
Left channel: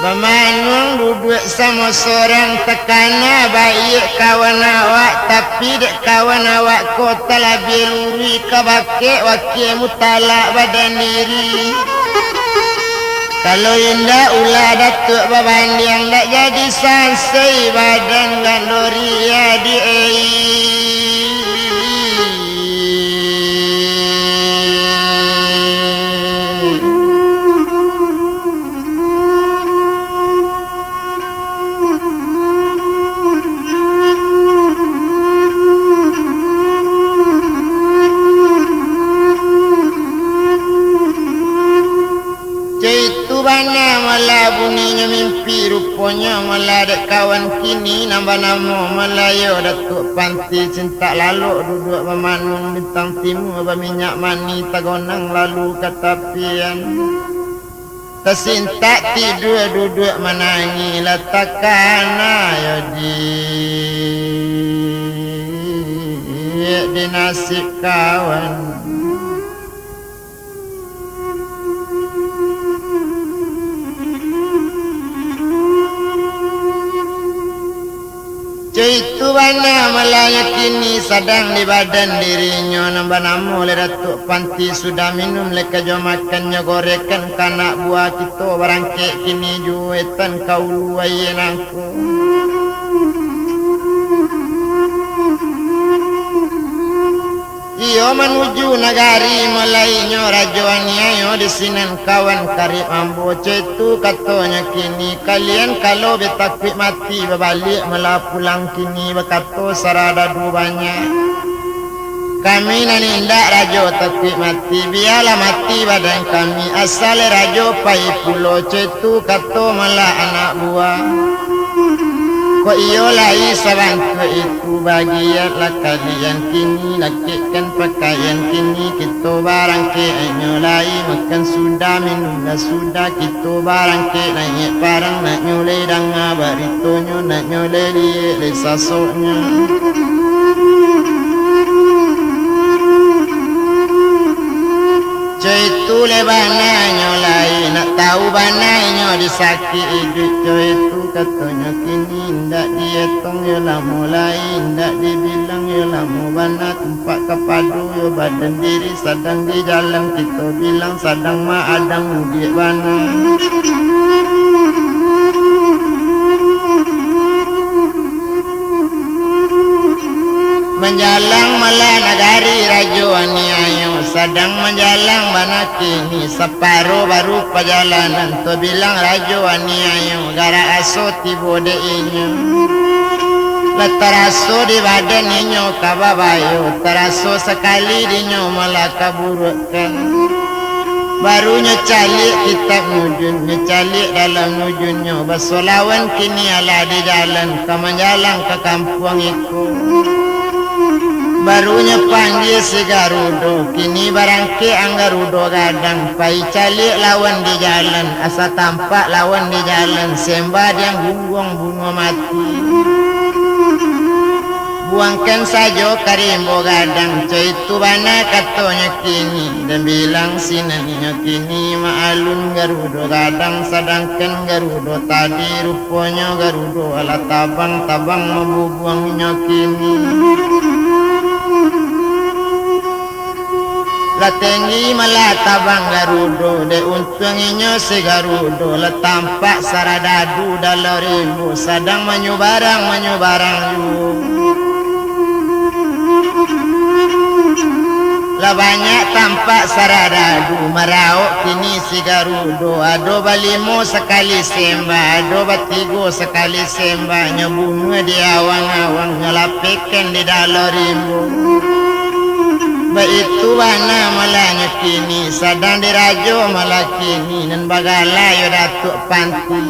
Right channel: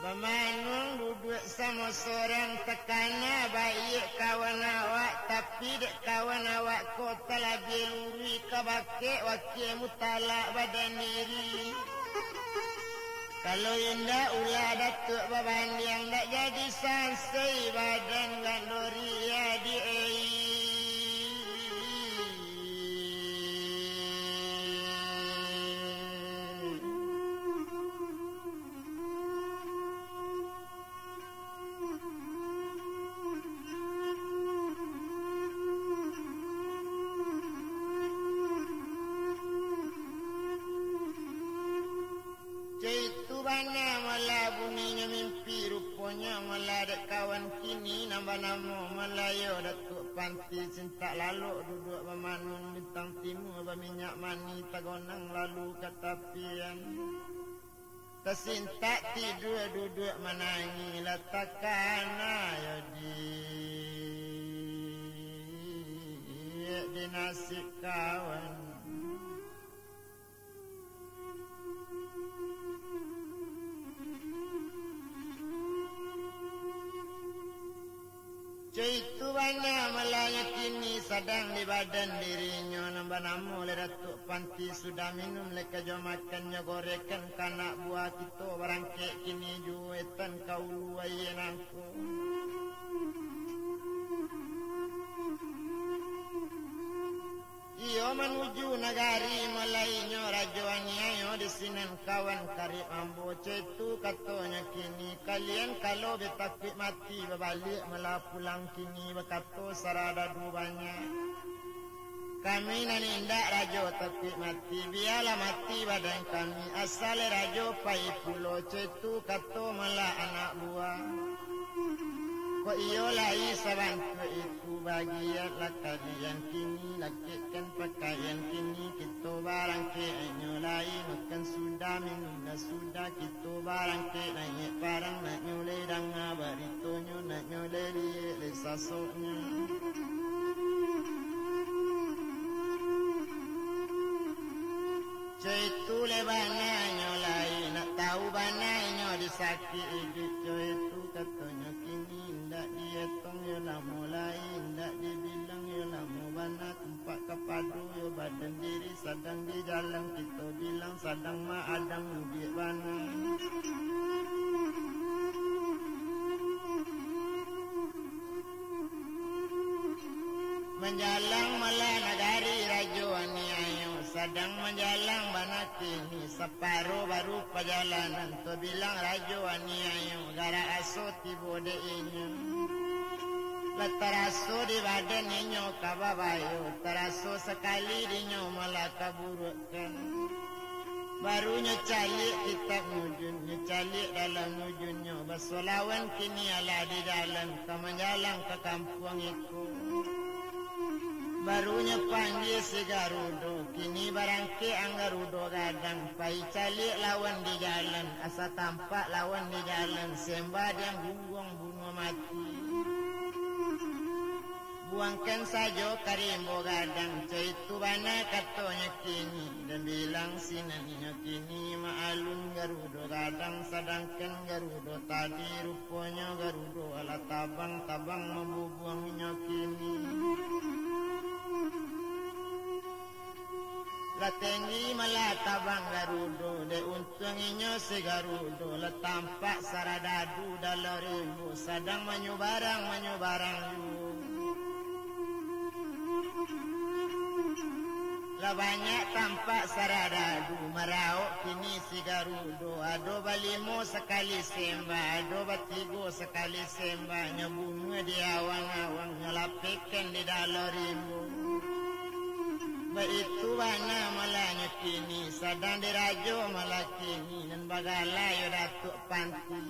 Bamanung duduk sama seorang tekana baik kawan awak tapi dek kawan awak kota lebih luri kabake wakil mutalak badan diri. Kalau indah ulah datuk babandi yang tak jadi sansai badan gandori ya di malah bunyinya mimpi rupanya malah dek kawan kini nambah nama Melayu datuk panti cinta lalu duduk memanung bintang timur berminyak mani tagonang lalu katapian tersinta tidur duduk menangi letakkan ayo di nasib kawan. Itu bana Melayu kini sedang di badan dirinya nambah nama oleh datuk panti sudah minum leka jom makannya gorekan kanak buah kita barangke kini juetan kau luayen aku. Iyo menuju negari Melayunya rajuannya di sinan kawan karib ambo itu katanya kini kalian kalau betakwi mati berbalik malah pulang kini berkata sarada dubanya kami nanindak rajo takwi mati biarlah mati badan kami asal rajo pai pulau itu kata malah anak buah. Kok iyo lai sabantu itu bagianlah kalian kini lakikan pakaian kini kita barang ke inyo lai makan sudah minum dah sudah kita barang ke naik parang nak nyule danga baritonyo nak nyule liye sasoknya. Itu lebana nyolai nak tahu bananya disakit hidup itu katanya kini ndak dietong ya lah mulai ndak dibilang ya lah mau bana tempat kepadu ya badan diri sedang di jalan kita bilang sedang maadang di bana. Menjalang malah negari rajuani ayo sedang menjalang bana kini separuh baru perjalanan tu bilang rajuani ayo gara aso tibo de inyo letaraso di badan inyo kababayo teraso sekali dinyo malah kaburutkan baru nyecalik kitab nujun nyecalik dalam nujunnya bersolawan kini ala di jalan ke menjalang ke kampung itu. Barunya panggil si Garudo kini barangke ang Garudo gadang pai calik lawan di jalan asa tampak lawan di jalan sembah yang bungung bunga mati buangkan saja karimbo gadang itu bana katanya kini dan bilang sinaninya kini maalun Garudo gadang sedangkan Garudo tadi rupanya Garudo ala tabang-tabang membuangnya kini. Latengi malah tabang Garudo de untunginya si Garudo la tampak saradadu dalam rimbu sedang menyubarang yu la banyak tampak saradadu merauk kini si Garudo ado balimo sekali sembah ado batigo sekali sembah nyebunga di awang-awang nyelapikan di dalam rimbu. Baitu bana malanya kini sedang dirajo malah kini dan bagala yo datuk panti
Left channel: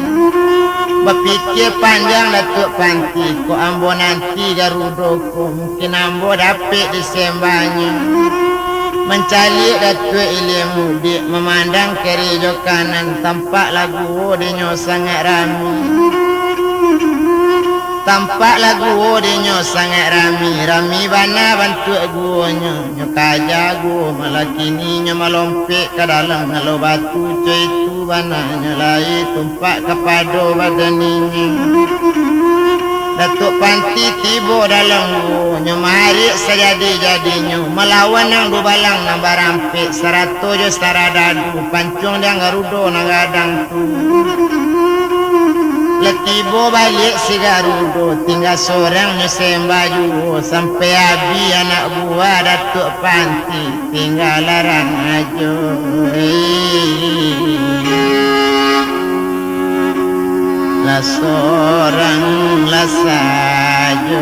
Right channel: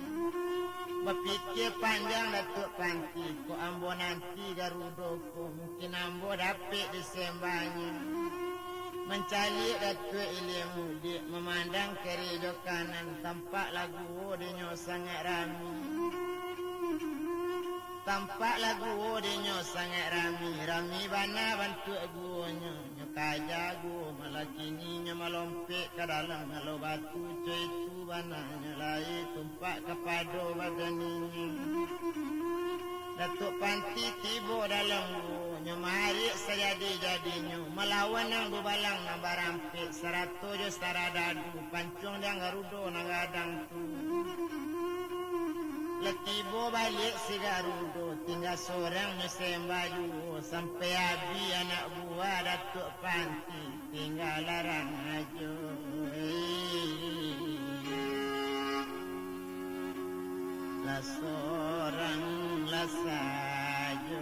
Berpikir panjang Datuk Panti, ko ambo nanti garudoko, mungkin ambo dapat disembahnya. Mencari Datuk ilmu, dia memandang kiri jo kanan, tampak lagu dinyo sangat rami. Tampak lagu dinyo sangat rami bana bantu guonyo, nyo kaja guo malah kini nyo melompek ke dalam kalau batu cuy itu bana nyo lai tumpak kepado badaninya. Datuk Panti tiba dalam guo, nyo mari sejadi-jadinya melawan nang dubalang nang barampik serato jo saradadu pancung dia garudo nang gadang tu. Letibo balik si Garudo, tinggal seorang nyesembah juga sampai habis anak buah Datuk Panti tinggal larang aja. Lah seorang lah saja.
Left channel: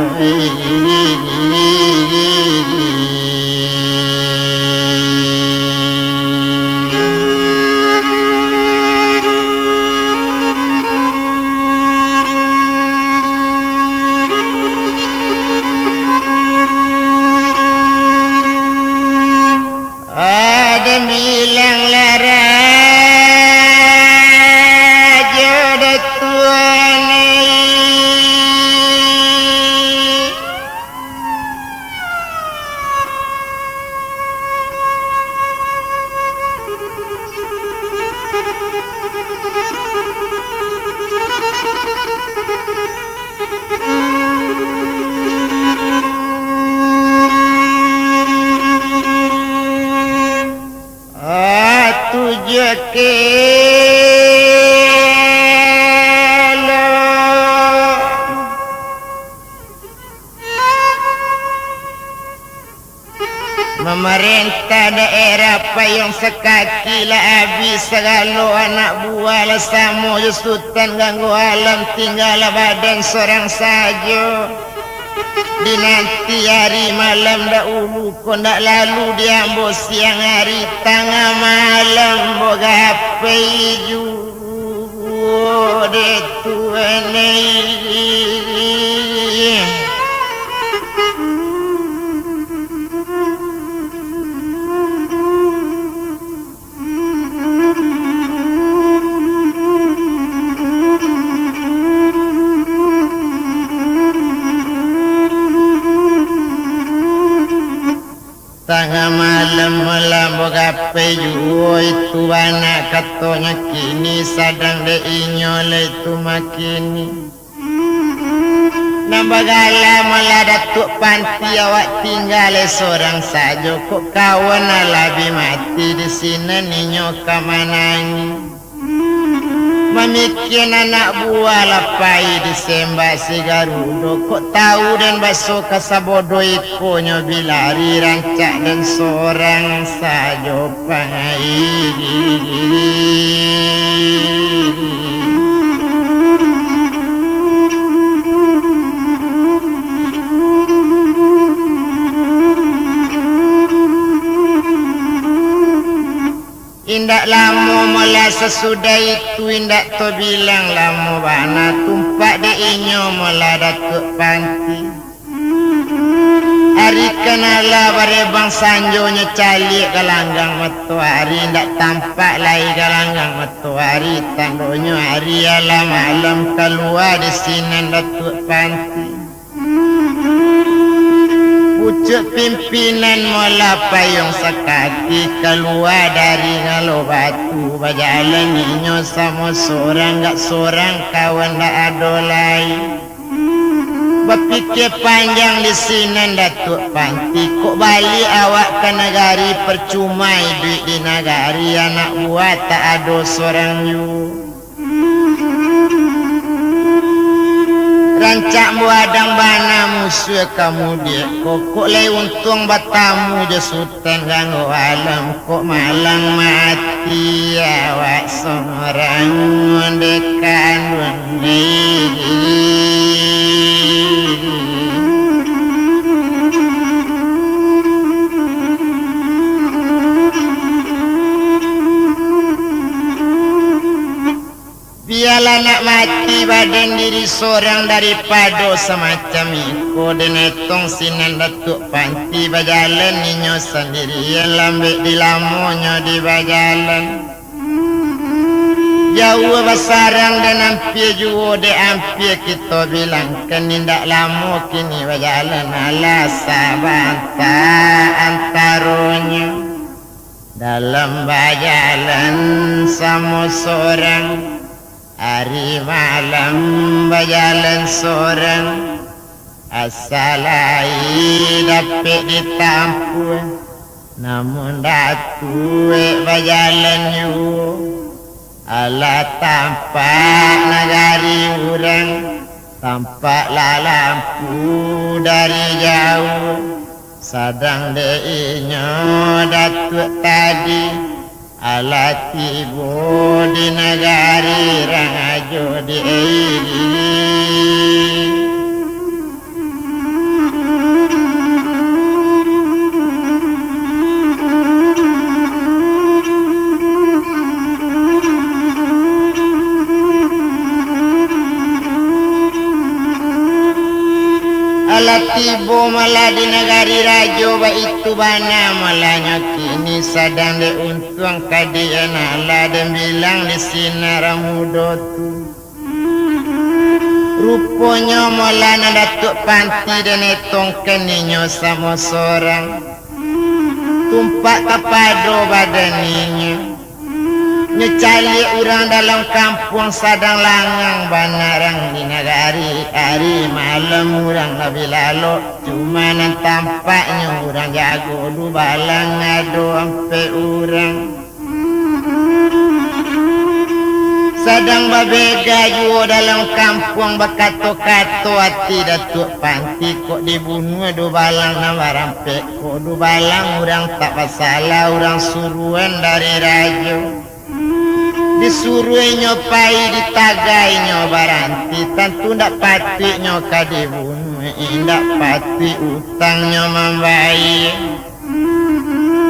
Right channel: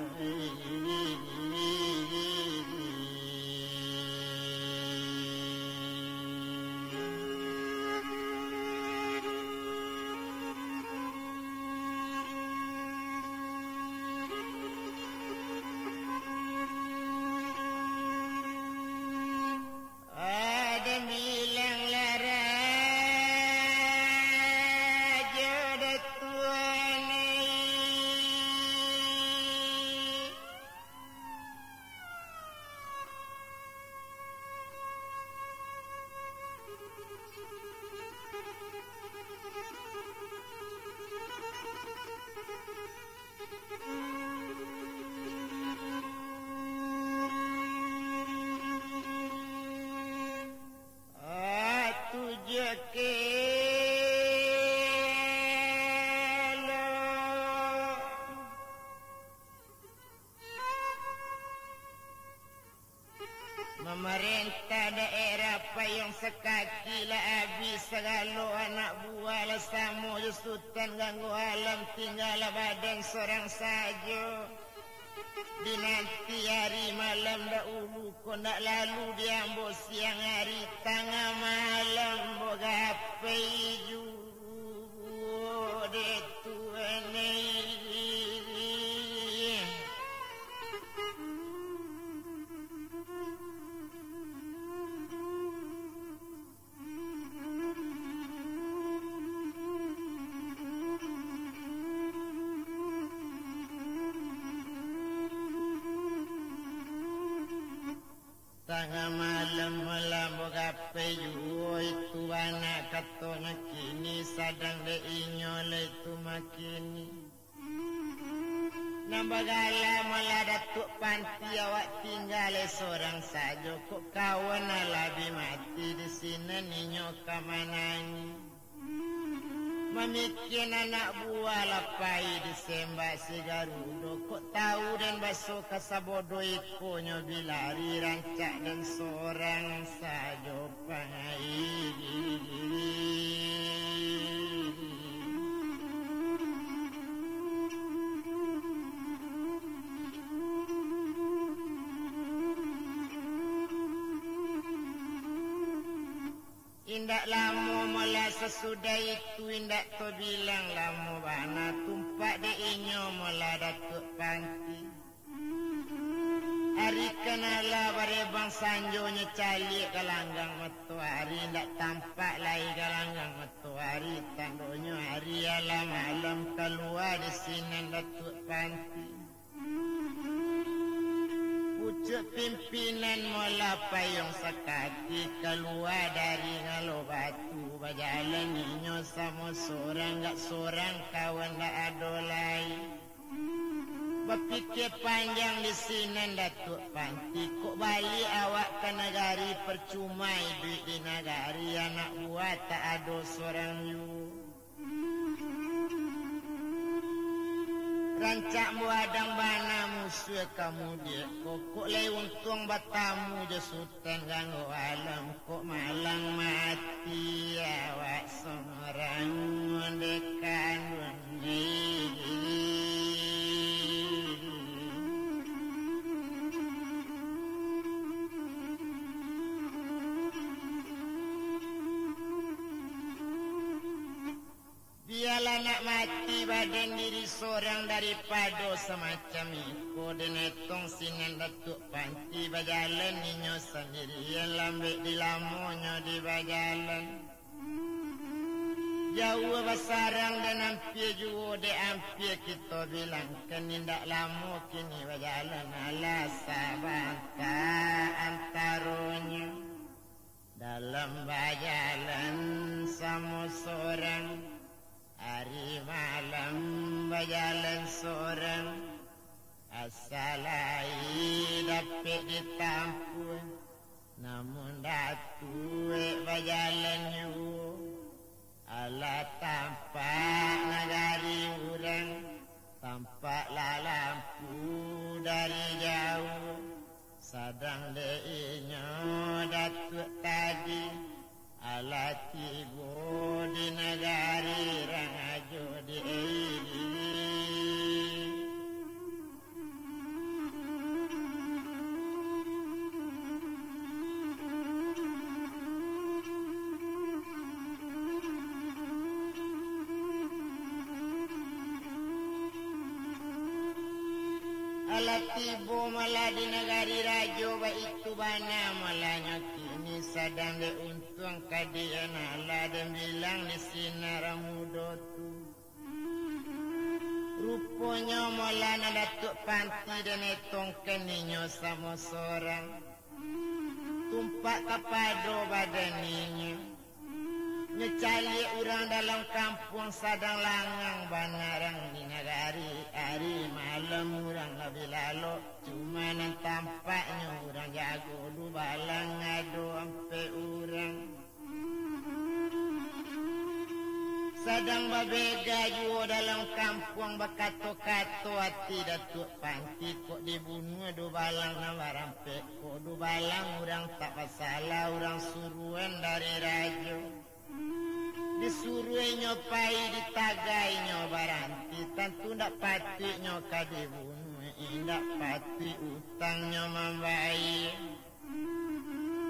Memerintah daerah payung sekaki lah habis segala anak buah lah samo sultan ganggu alam tinggal badan seorang saja. Di nanti hari malam dahulu kau nak lalu diambil siang hari tengah malam boga HP juga de tuan tengah malam melambok gape juo itu anak katanya kini sadang de inyole itu makini nambagala malah Datuk Panti awak tinggal seorang saja kok kawan alabi mati di sini ninyo kamanangi memikir anak buah lapai disembah si Garudo kok tahu dan baso kasabodo ikonyo bilari rancak dan seorang saja pangai. Indak lama mula sesudah itu indak to bilang lama bana tumpak de inyo mula Datuk Panti. Hari kenala barebang sanjonya calik galanggang matahari indak tampak lagi galanggang matahari tandonyo hari alam malam keluar di sini Datuk Panti. Pucuk pimpinan mula payung sekaki keluar dari ngalo batu berjalan ninyo sama seorang gak seorang kawan dak adolai. Berpikir panjang di sini Datuk Panti kok balik awak ke negari percuma duit di negari anak buah tak ada seorang you. Rancak buadang bana musuh kamu dia kok lay untung batamu je sultan ganggu alam kok malang mati awak seorang mendekan dunia. Biarlah nak mati badan diri seorang daripada semacam iko denetong sinan datuk panti bajalan ninyo sendirian lambek di lamonyo di bajalan jauh basarang dan ampir juo de ampir kita bilang kenindak lamo kini bajalan ala sabanta antaronya dalam bajalan sama seorang hari malam bajalan seorang asalai dapat ditampu namun datue bajalan yu ala tampak negari urang tampaklah lampu dari jauh sadang deinyo datuk tadi ala tibo di negari rangajo di tibo malah di negari rajo ba itu bana malahnya kini sadang de untung kadian ala dan bilang di sinar muda tu rupanya malah na datuk panti dan etong keninyo sama seorang tumpak kepada badannya nyecali orang dalam kampung sadang langang banarang di negari hari malam orang nabi lalu cuma nan tampaknya orang jago du balang ngado ampe orang sadang babega juo dalam kampung bakato-kato hati datuk panti kok dibunuh du balang nama rampe kok du balang orang tak masalah orang suruhan dari rajo disuruh nyopai ditagai nyobaranti tentu ndak pati nyoka dibunuh ndak pati utangnya membayar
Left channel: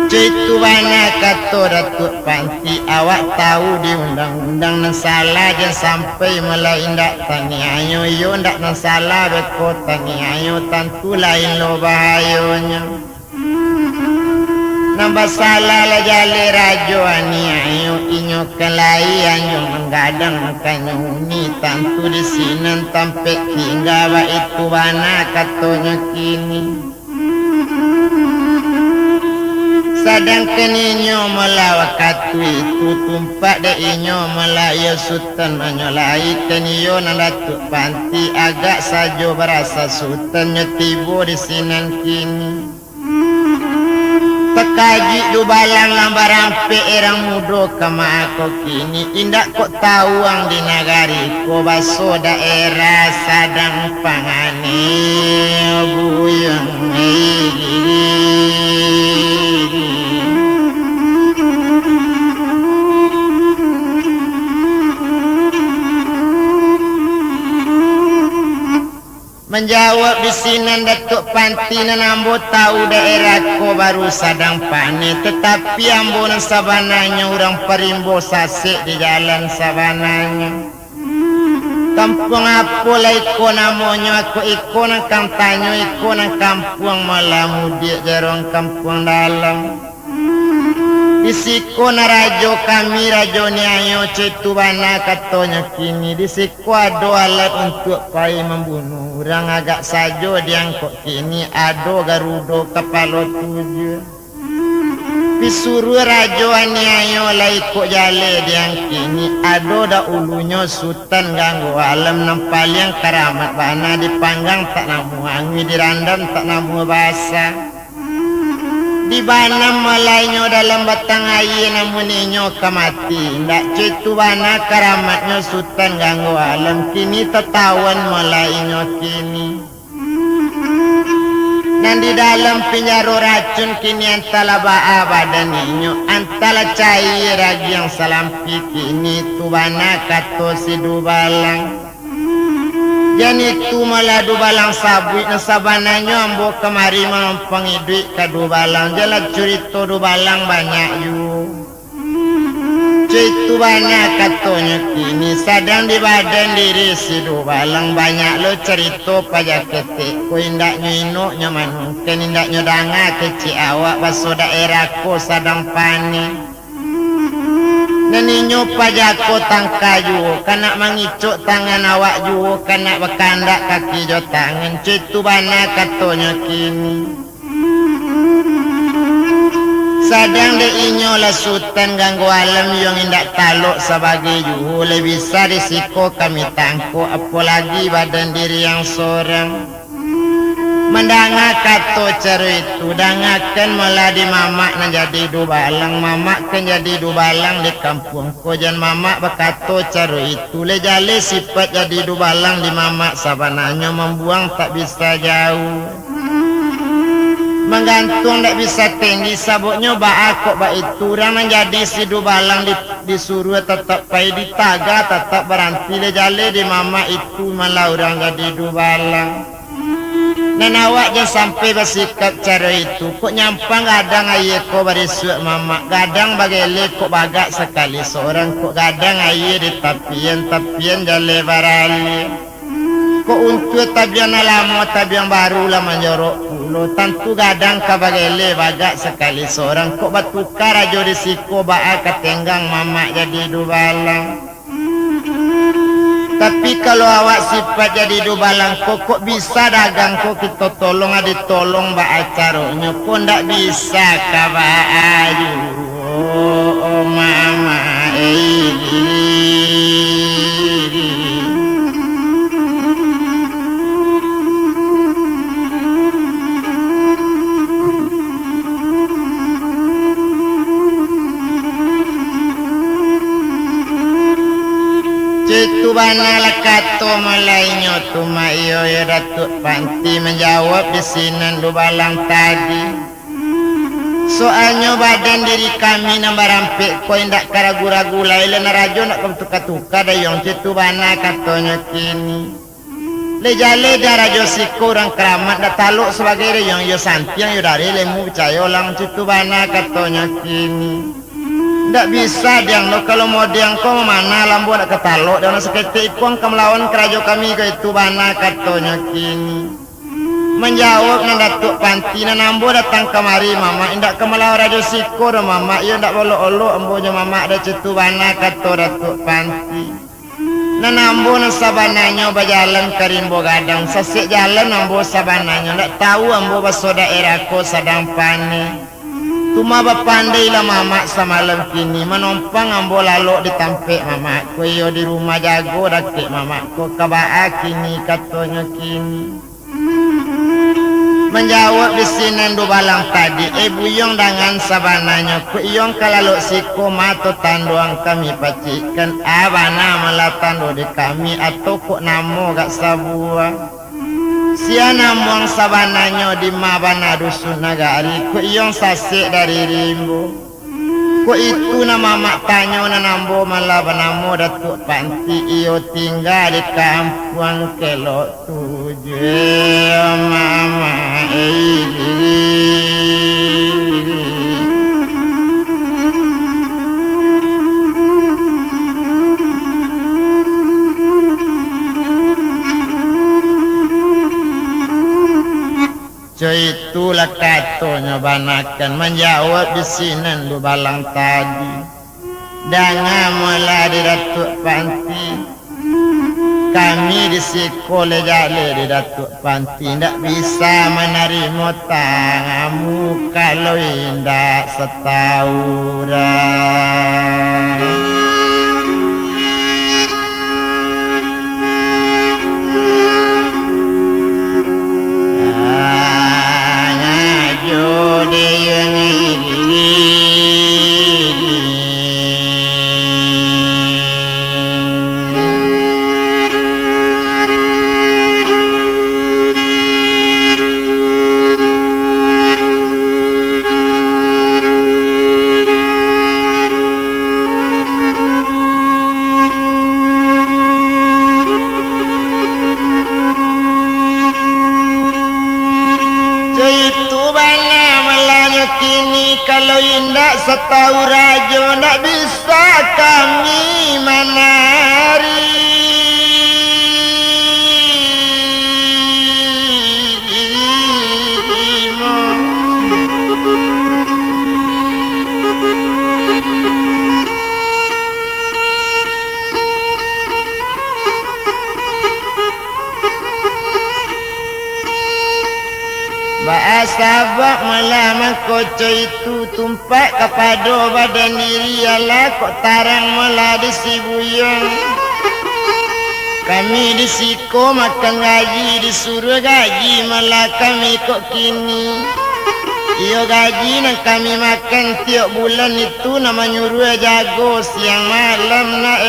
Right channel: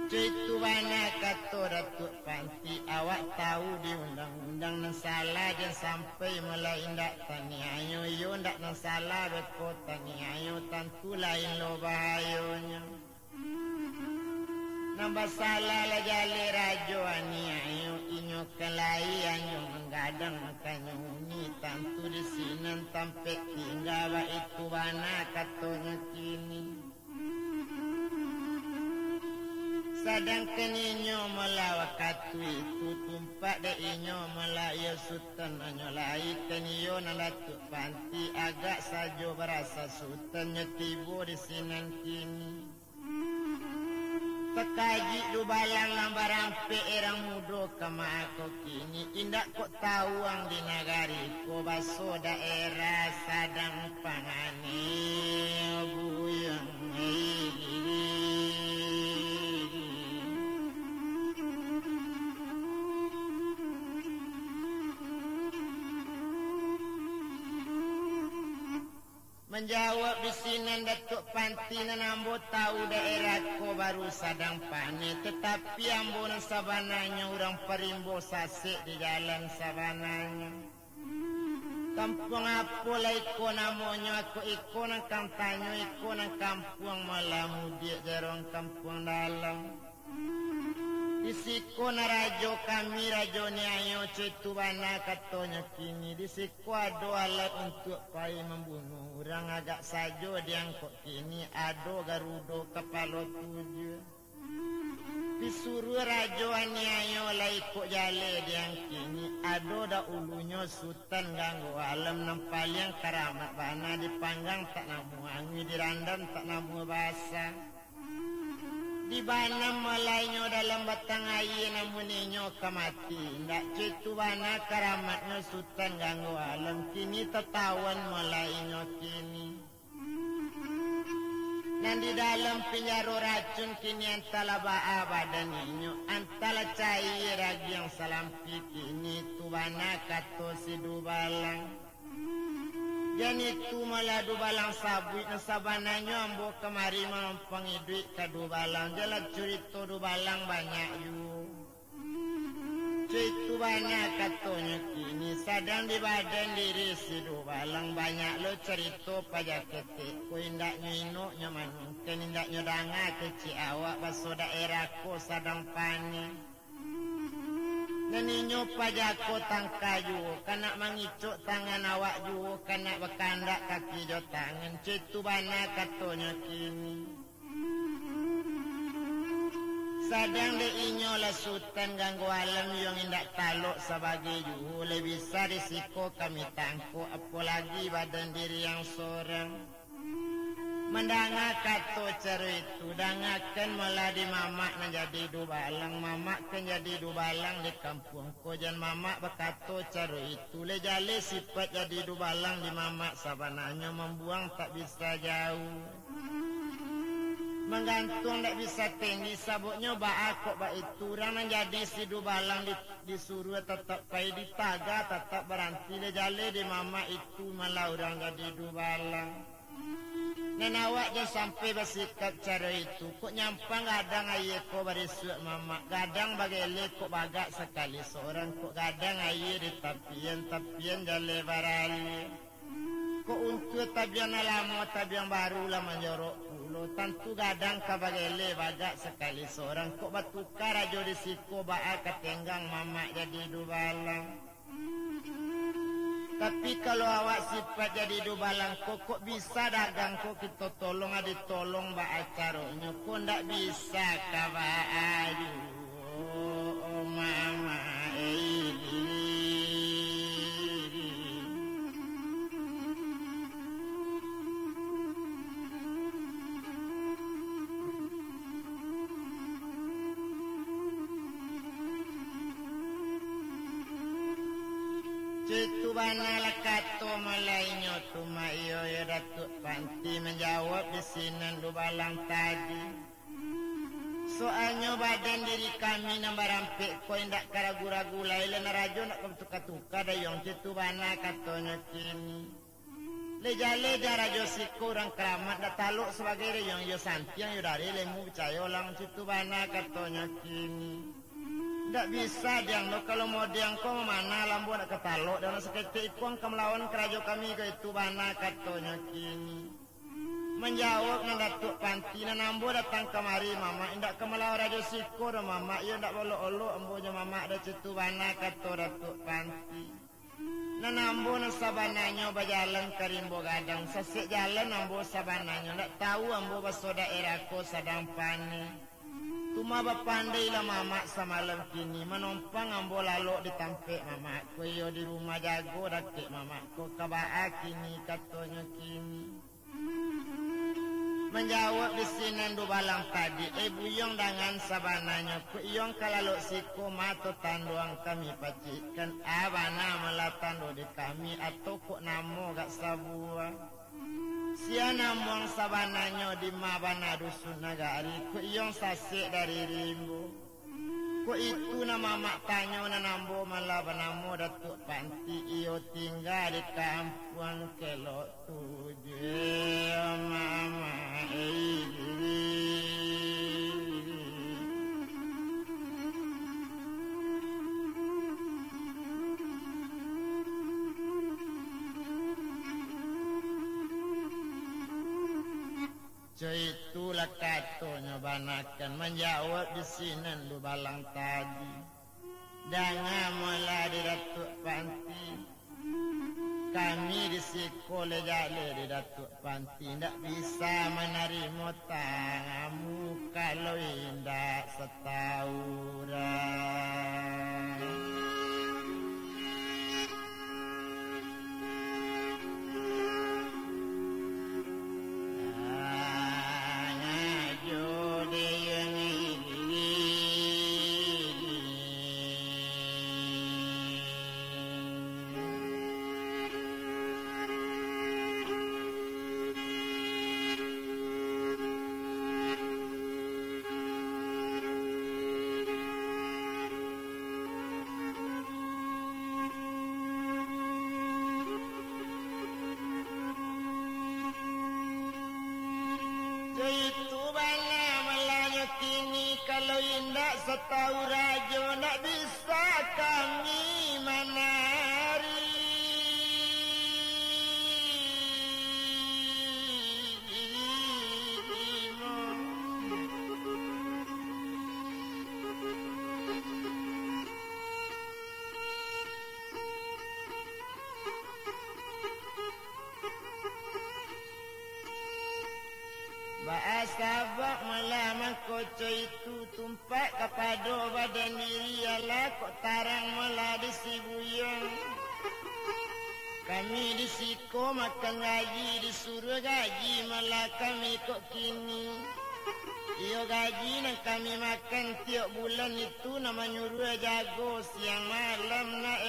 Citu bana kata datuk panti awak tahu di undang-undang nan salah dan sampai mulai ndak tani ayo yo ndak nan salah beko tani ayo tentu lain lo bahayanya nambah salah lah jale rajo ani ayo inyo kelai anyo menggadang makanya uni tentu di sini tampe hingga wa itu bana katanya kini sadangkan inyo melawak katu itu tumpak de inyo melaya sultan menyolai teniyo nan datuk panti agak sajo berasa sultan nyetibo di sinan kini tekaji du balang lambar ampe erang mudo kama aku kini indak kok tawang di nagari ko baso daerah sadang pangane buyang menjawab di sini datuk panti nan ambo tahu daerah ko baru sadang pane tetapi ambo nan sabananya orang perimbo sasik di jalan sabananya kampung apa lah iko namanya aku iko nan kamtanyo iko nan kampung malamudi jarong kampung dalam disiko na rajo kami rajo ni ayo cetu bana katanya kini disiko ado alat untuk pai membunuh orang agak sajo diangkut kini ado garudo kepala tujuh disuruh rajo ni ayo lah ikut jale diang kini ado da ulunya sultan ganggu alam nampal yang karamat bana dipanggang tak namu angin dirandam tak namu basah di bana malainyo dalam batang air namun inyo kamati ndak cetu bana karamatnya sultan ganggu alam kini tertawan malainyo kini dan di dalam penjara racun kini antala baa badan inyo antala cair ragi yang salampi kini tu bana kato si dubalang dan itu malah dubalang sabui na sabananya ambo kemari mampangi duit ke dubalang jalan cerita dubalang banyak yu Itu banyak katanya kini sadang di badan diri si balang banyak lo cerita pajak ketik ku indak nyino nyaman ken indak nyodanga keci awak baso daerahku sadang panik neninyo pajako tangkayu kanak mangicuk tangan awak juo kanak bekandak kaki jo tangan itu banyak katanya kini sadang de inyo lasutan ganggu alam yang indak taluk sebagai juhu lebih bisa risiko kami tangko apalagi badan diri yang seorang mendanga kato cara itu dangakan malah di mamak na jadi dubalang mamak kan jadi dubalang di kampung ko jan mamak bakato cara itu lejale sifat jadi dubalang di mamak sabananya membuang tak bisa jauh menggantung tak bisa tinggi sabuknya kok itu orang menjadi si dubalang disuruh tetap pai di taga tetap berhenti lejale di mama itu malah orang jadi dubalang dan awak jangan sampai bersikap cara itu kok nyampang gadang ayah kok berisuk mama gadang bagele kok bagak sekali seorang kok gadang ayah di tapian jale barali kok untuk tabian lama tabian baru lah menjorok pulau tentu gadang kabagele bagak sekali seorang kok batukar aja risiko baa ketenggang mama jadi dubalang tapi kalau awak sifat jadi dubalang kok bisa dagang kok kita tolong ditolong baa caranya kok ndak bisa kabaa ayu oh mama Itu bana lakato malainyo tumayo ya Datuk Panti menjawab di sinan dubalang tadi. Soalnya badan diri kami nambah rampik ko indak karagu-ragu lain rajo nak tuka-tuka dayong itu bana katonya kini. Lejale darajo siku orang keramat dak taluk sebagai dayong yo santiang yo dari lemu percaya lang itu bana katonya kini. Ndak bisa diang lo kalau mau diang kau mana lambu nak ketaluk dan seketik ipong kemelawan kerajo kami ke itu bana katonya kini menjawab nan Datuk Panti nan ambo datang kemari mama indak kemelawan rajo siko dan mama ia ndak bolo-olo ambonya mama ada cetu bana kato Datuk Panti nan ambo nan sabananya berjalan ke rimbo gadang sesik jalan ambo sabananya ndak tahu ambo baso daerahku sedang panik Tuma bapandai lah mamak semalam kini menompang ambo lalu ditampik mamak ko yo di rumah jago dakik mamak ko kabaa kini katanya kini menjawab di sini dubalang tadi buyong dengan sabananya ko iyong kalalok siko mato tanduang kami pacikan abana malatando di kami atau ko namo gak sabuah Siana muang sabananya di mabana dusun nagari ko iyong sasik dari rimbo ko itu nama mak tanyo na nambo malabanamo Datuk Panti iyo tinggal di kampung kelok tujuh mama itulah katonya banakan menjawab di sini dubalang tadi dengan mulai di Datuk Panti kami di sekolah jale di Datuk Panti tidak bisa menerima tangamu kalau indah setauran kini kalau indak setahu rajo ndak bisa kami menari. Bahasa bak malam koco itu tumpak kepada badan diri ala kok tarang malah disibuyang. Kami disiko makan gaji disuruh gaji malah kami kok kini. Iyo gaji nak kami makan tiap bulan itu nama nyuruh jago siang malam nak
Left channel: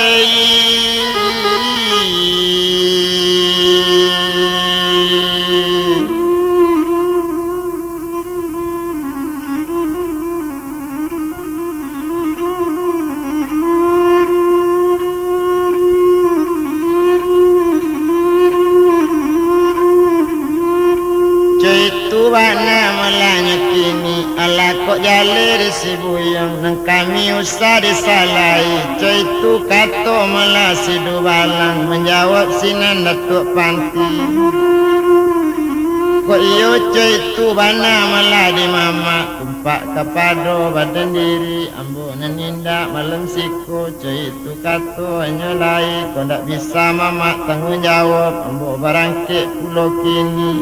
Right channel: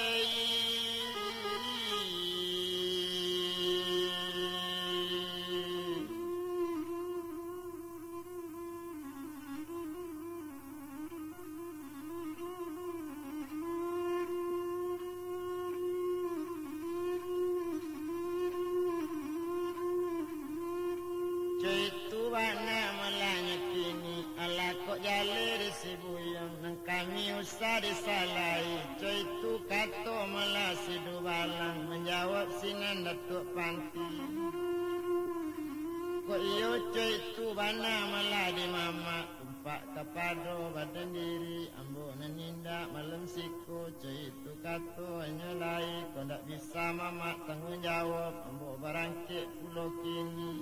Wana malanya kini ala kok jalir si buyang nang kami usah disalahi coy tu kato malah si balang menjawab sinan datuk panti kok iyo coy tu bana malah di mama kumpak kepada badan diri ambo naninda malam siku coy tu kato hanya lai kau ndak bisa mama tanggung jawab ambo barangkit pulau kini.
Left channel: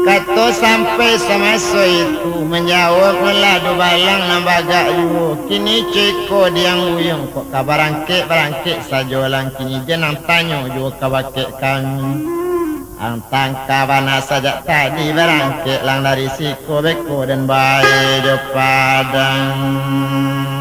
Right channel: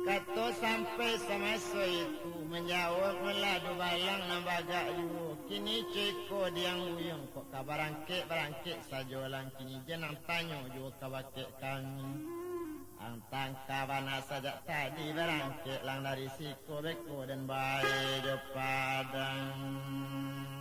Kato sampai sama itu menjawab meladu balang nambaga yu kini ceko diang uyung kok kabarangke barangke sajolang kini jenang tanyo juga kabake kami ang tangka bana saja tadi barangke lang dari siko beko dan bae jo padang.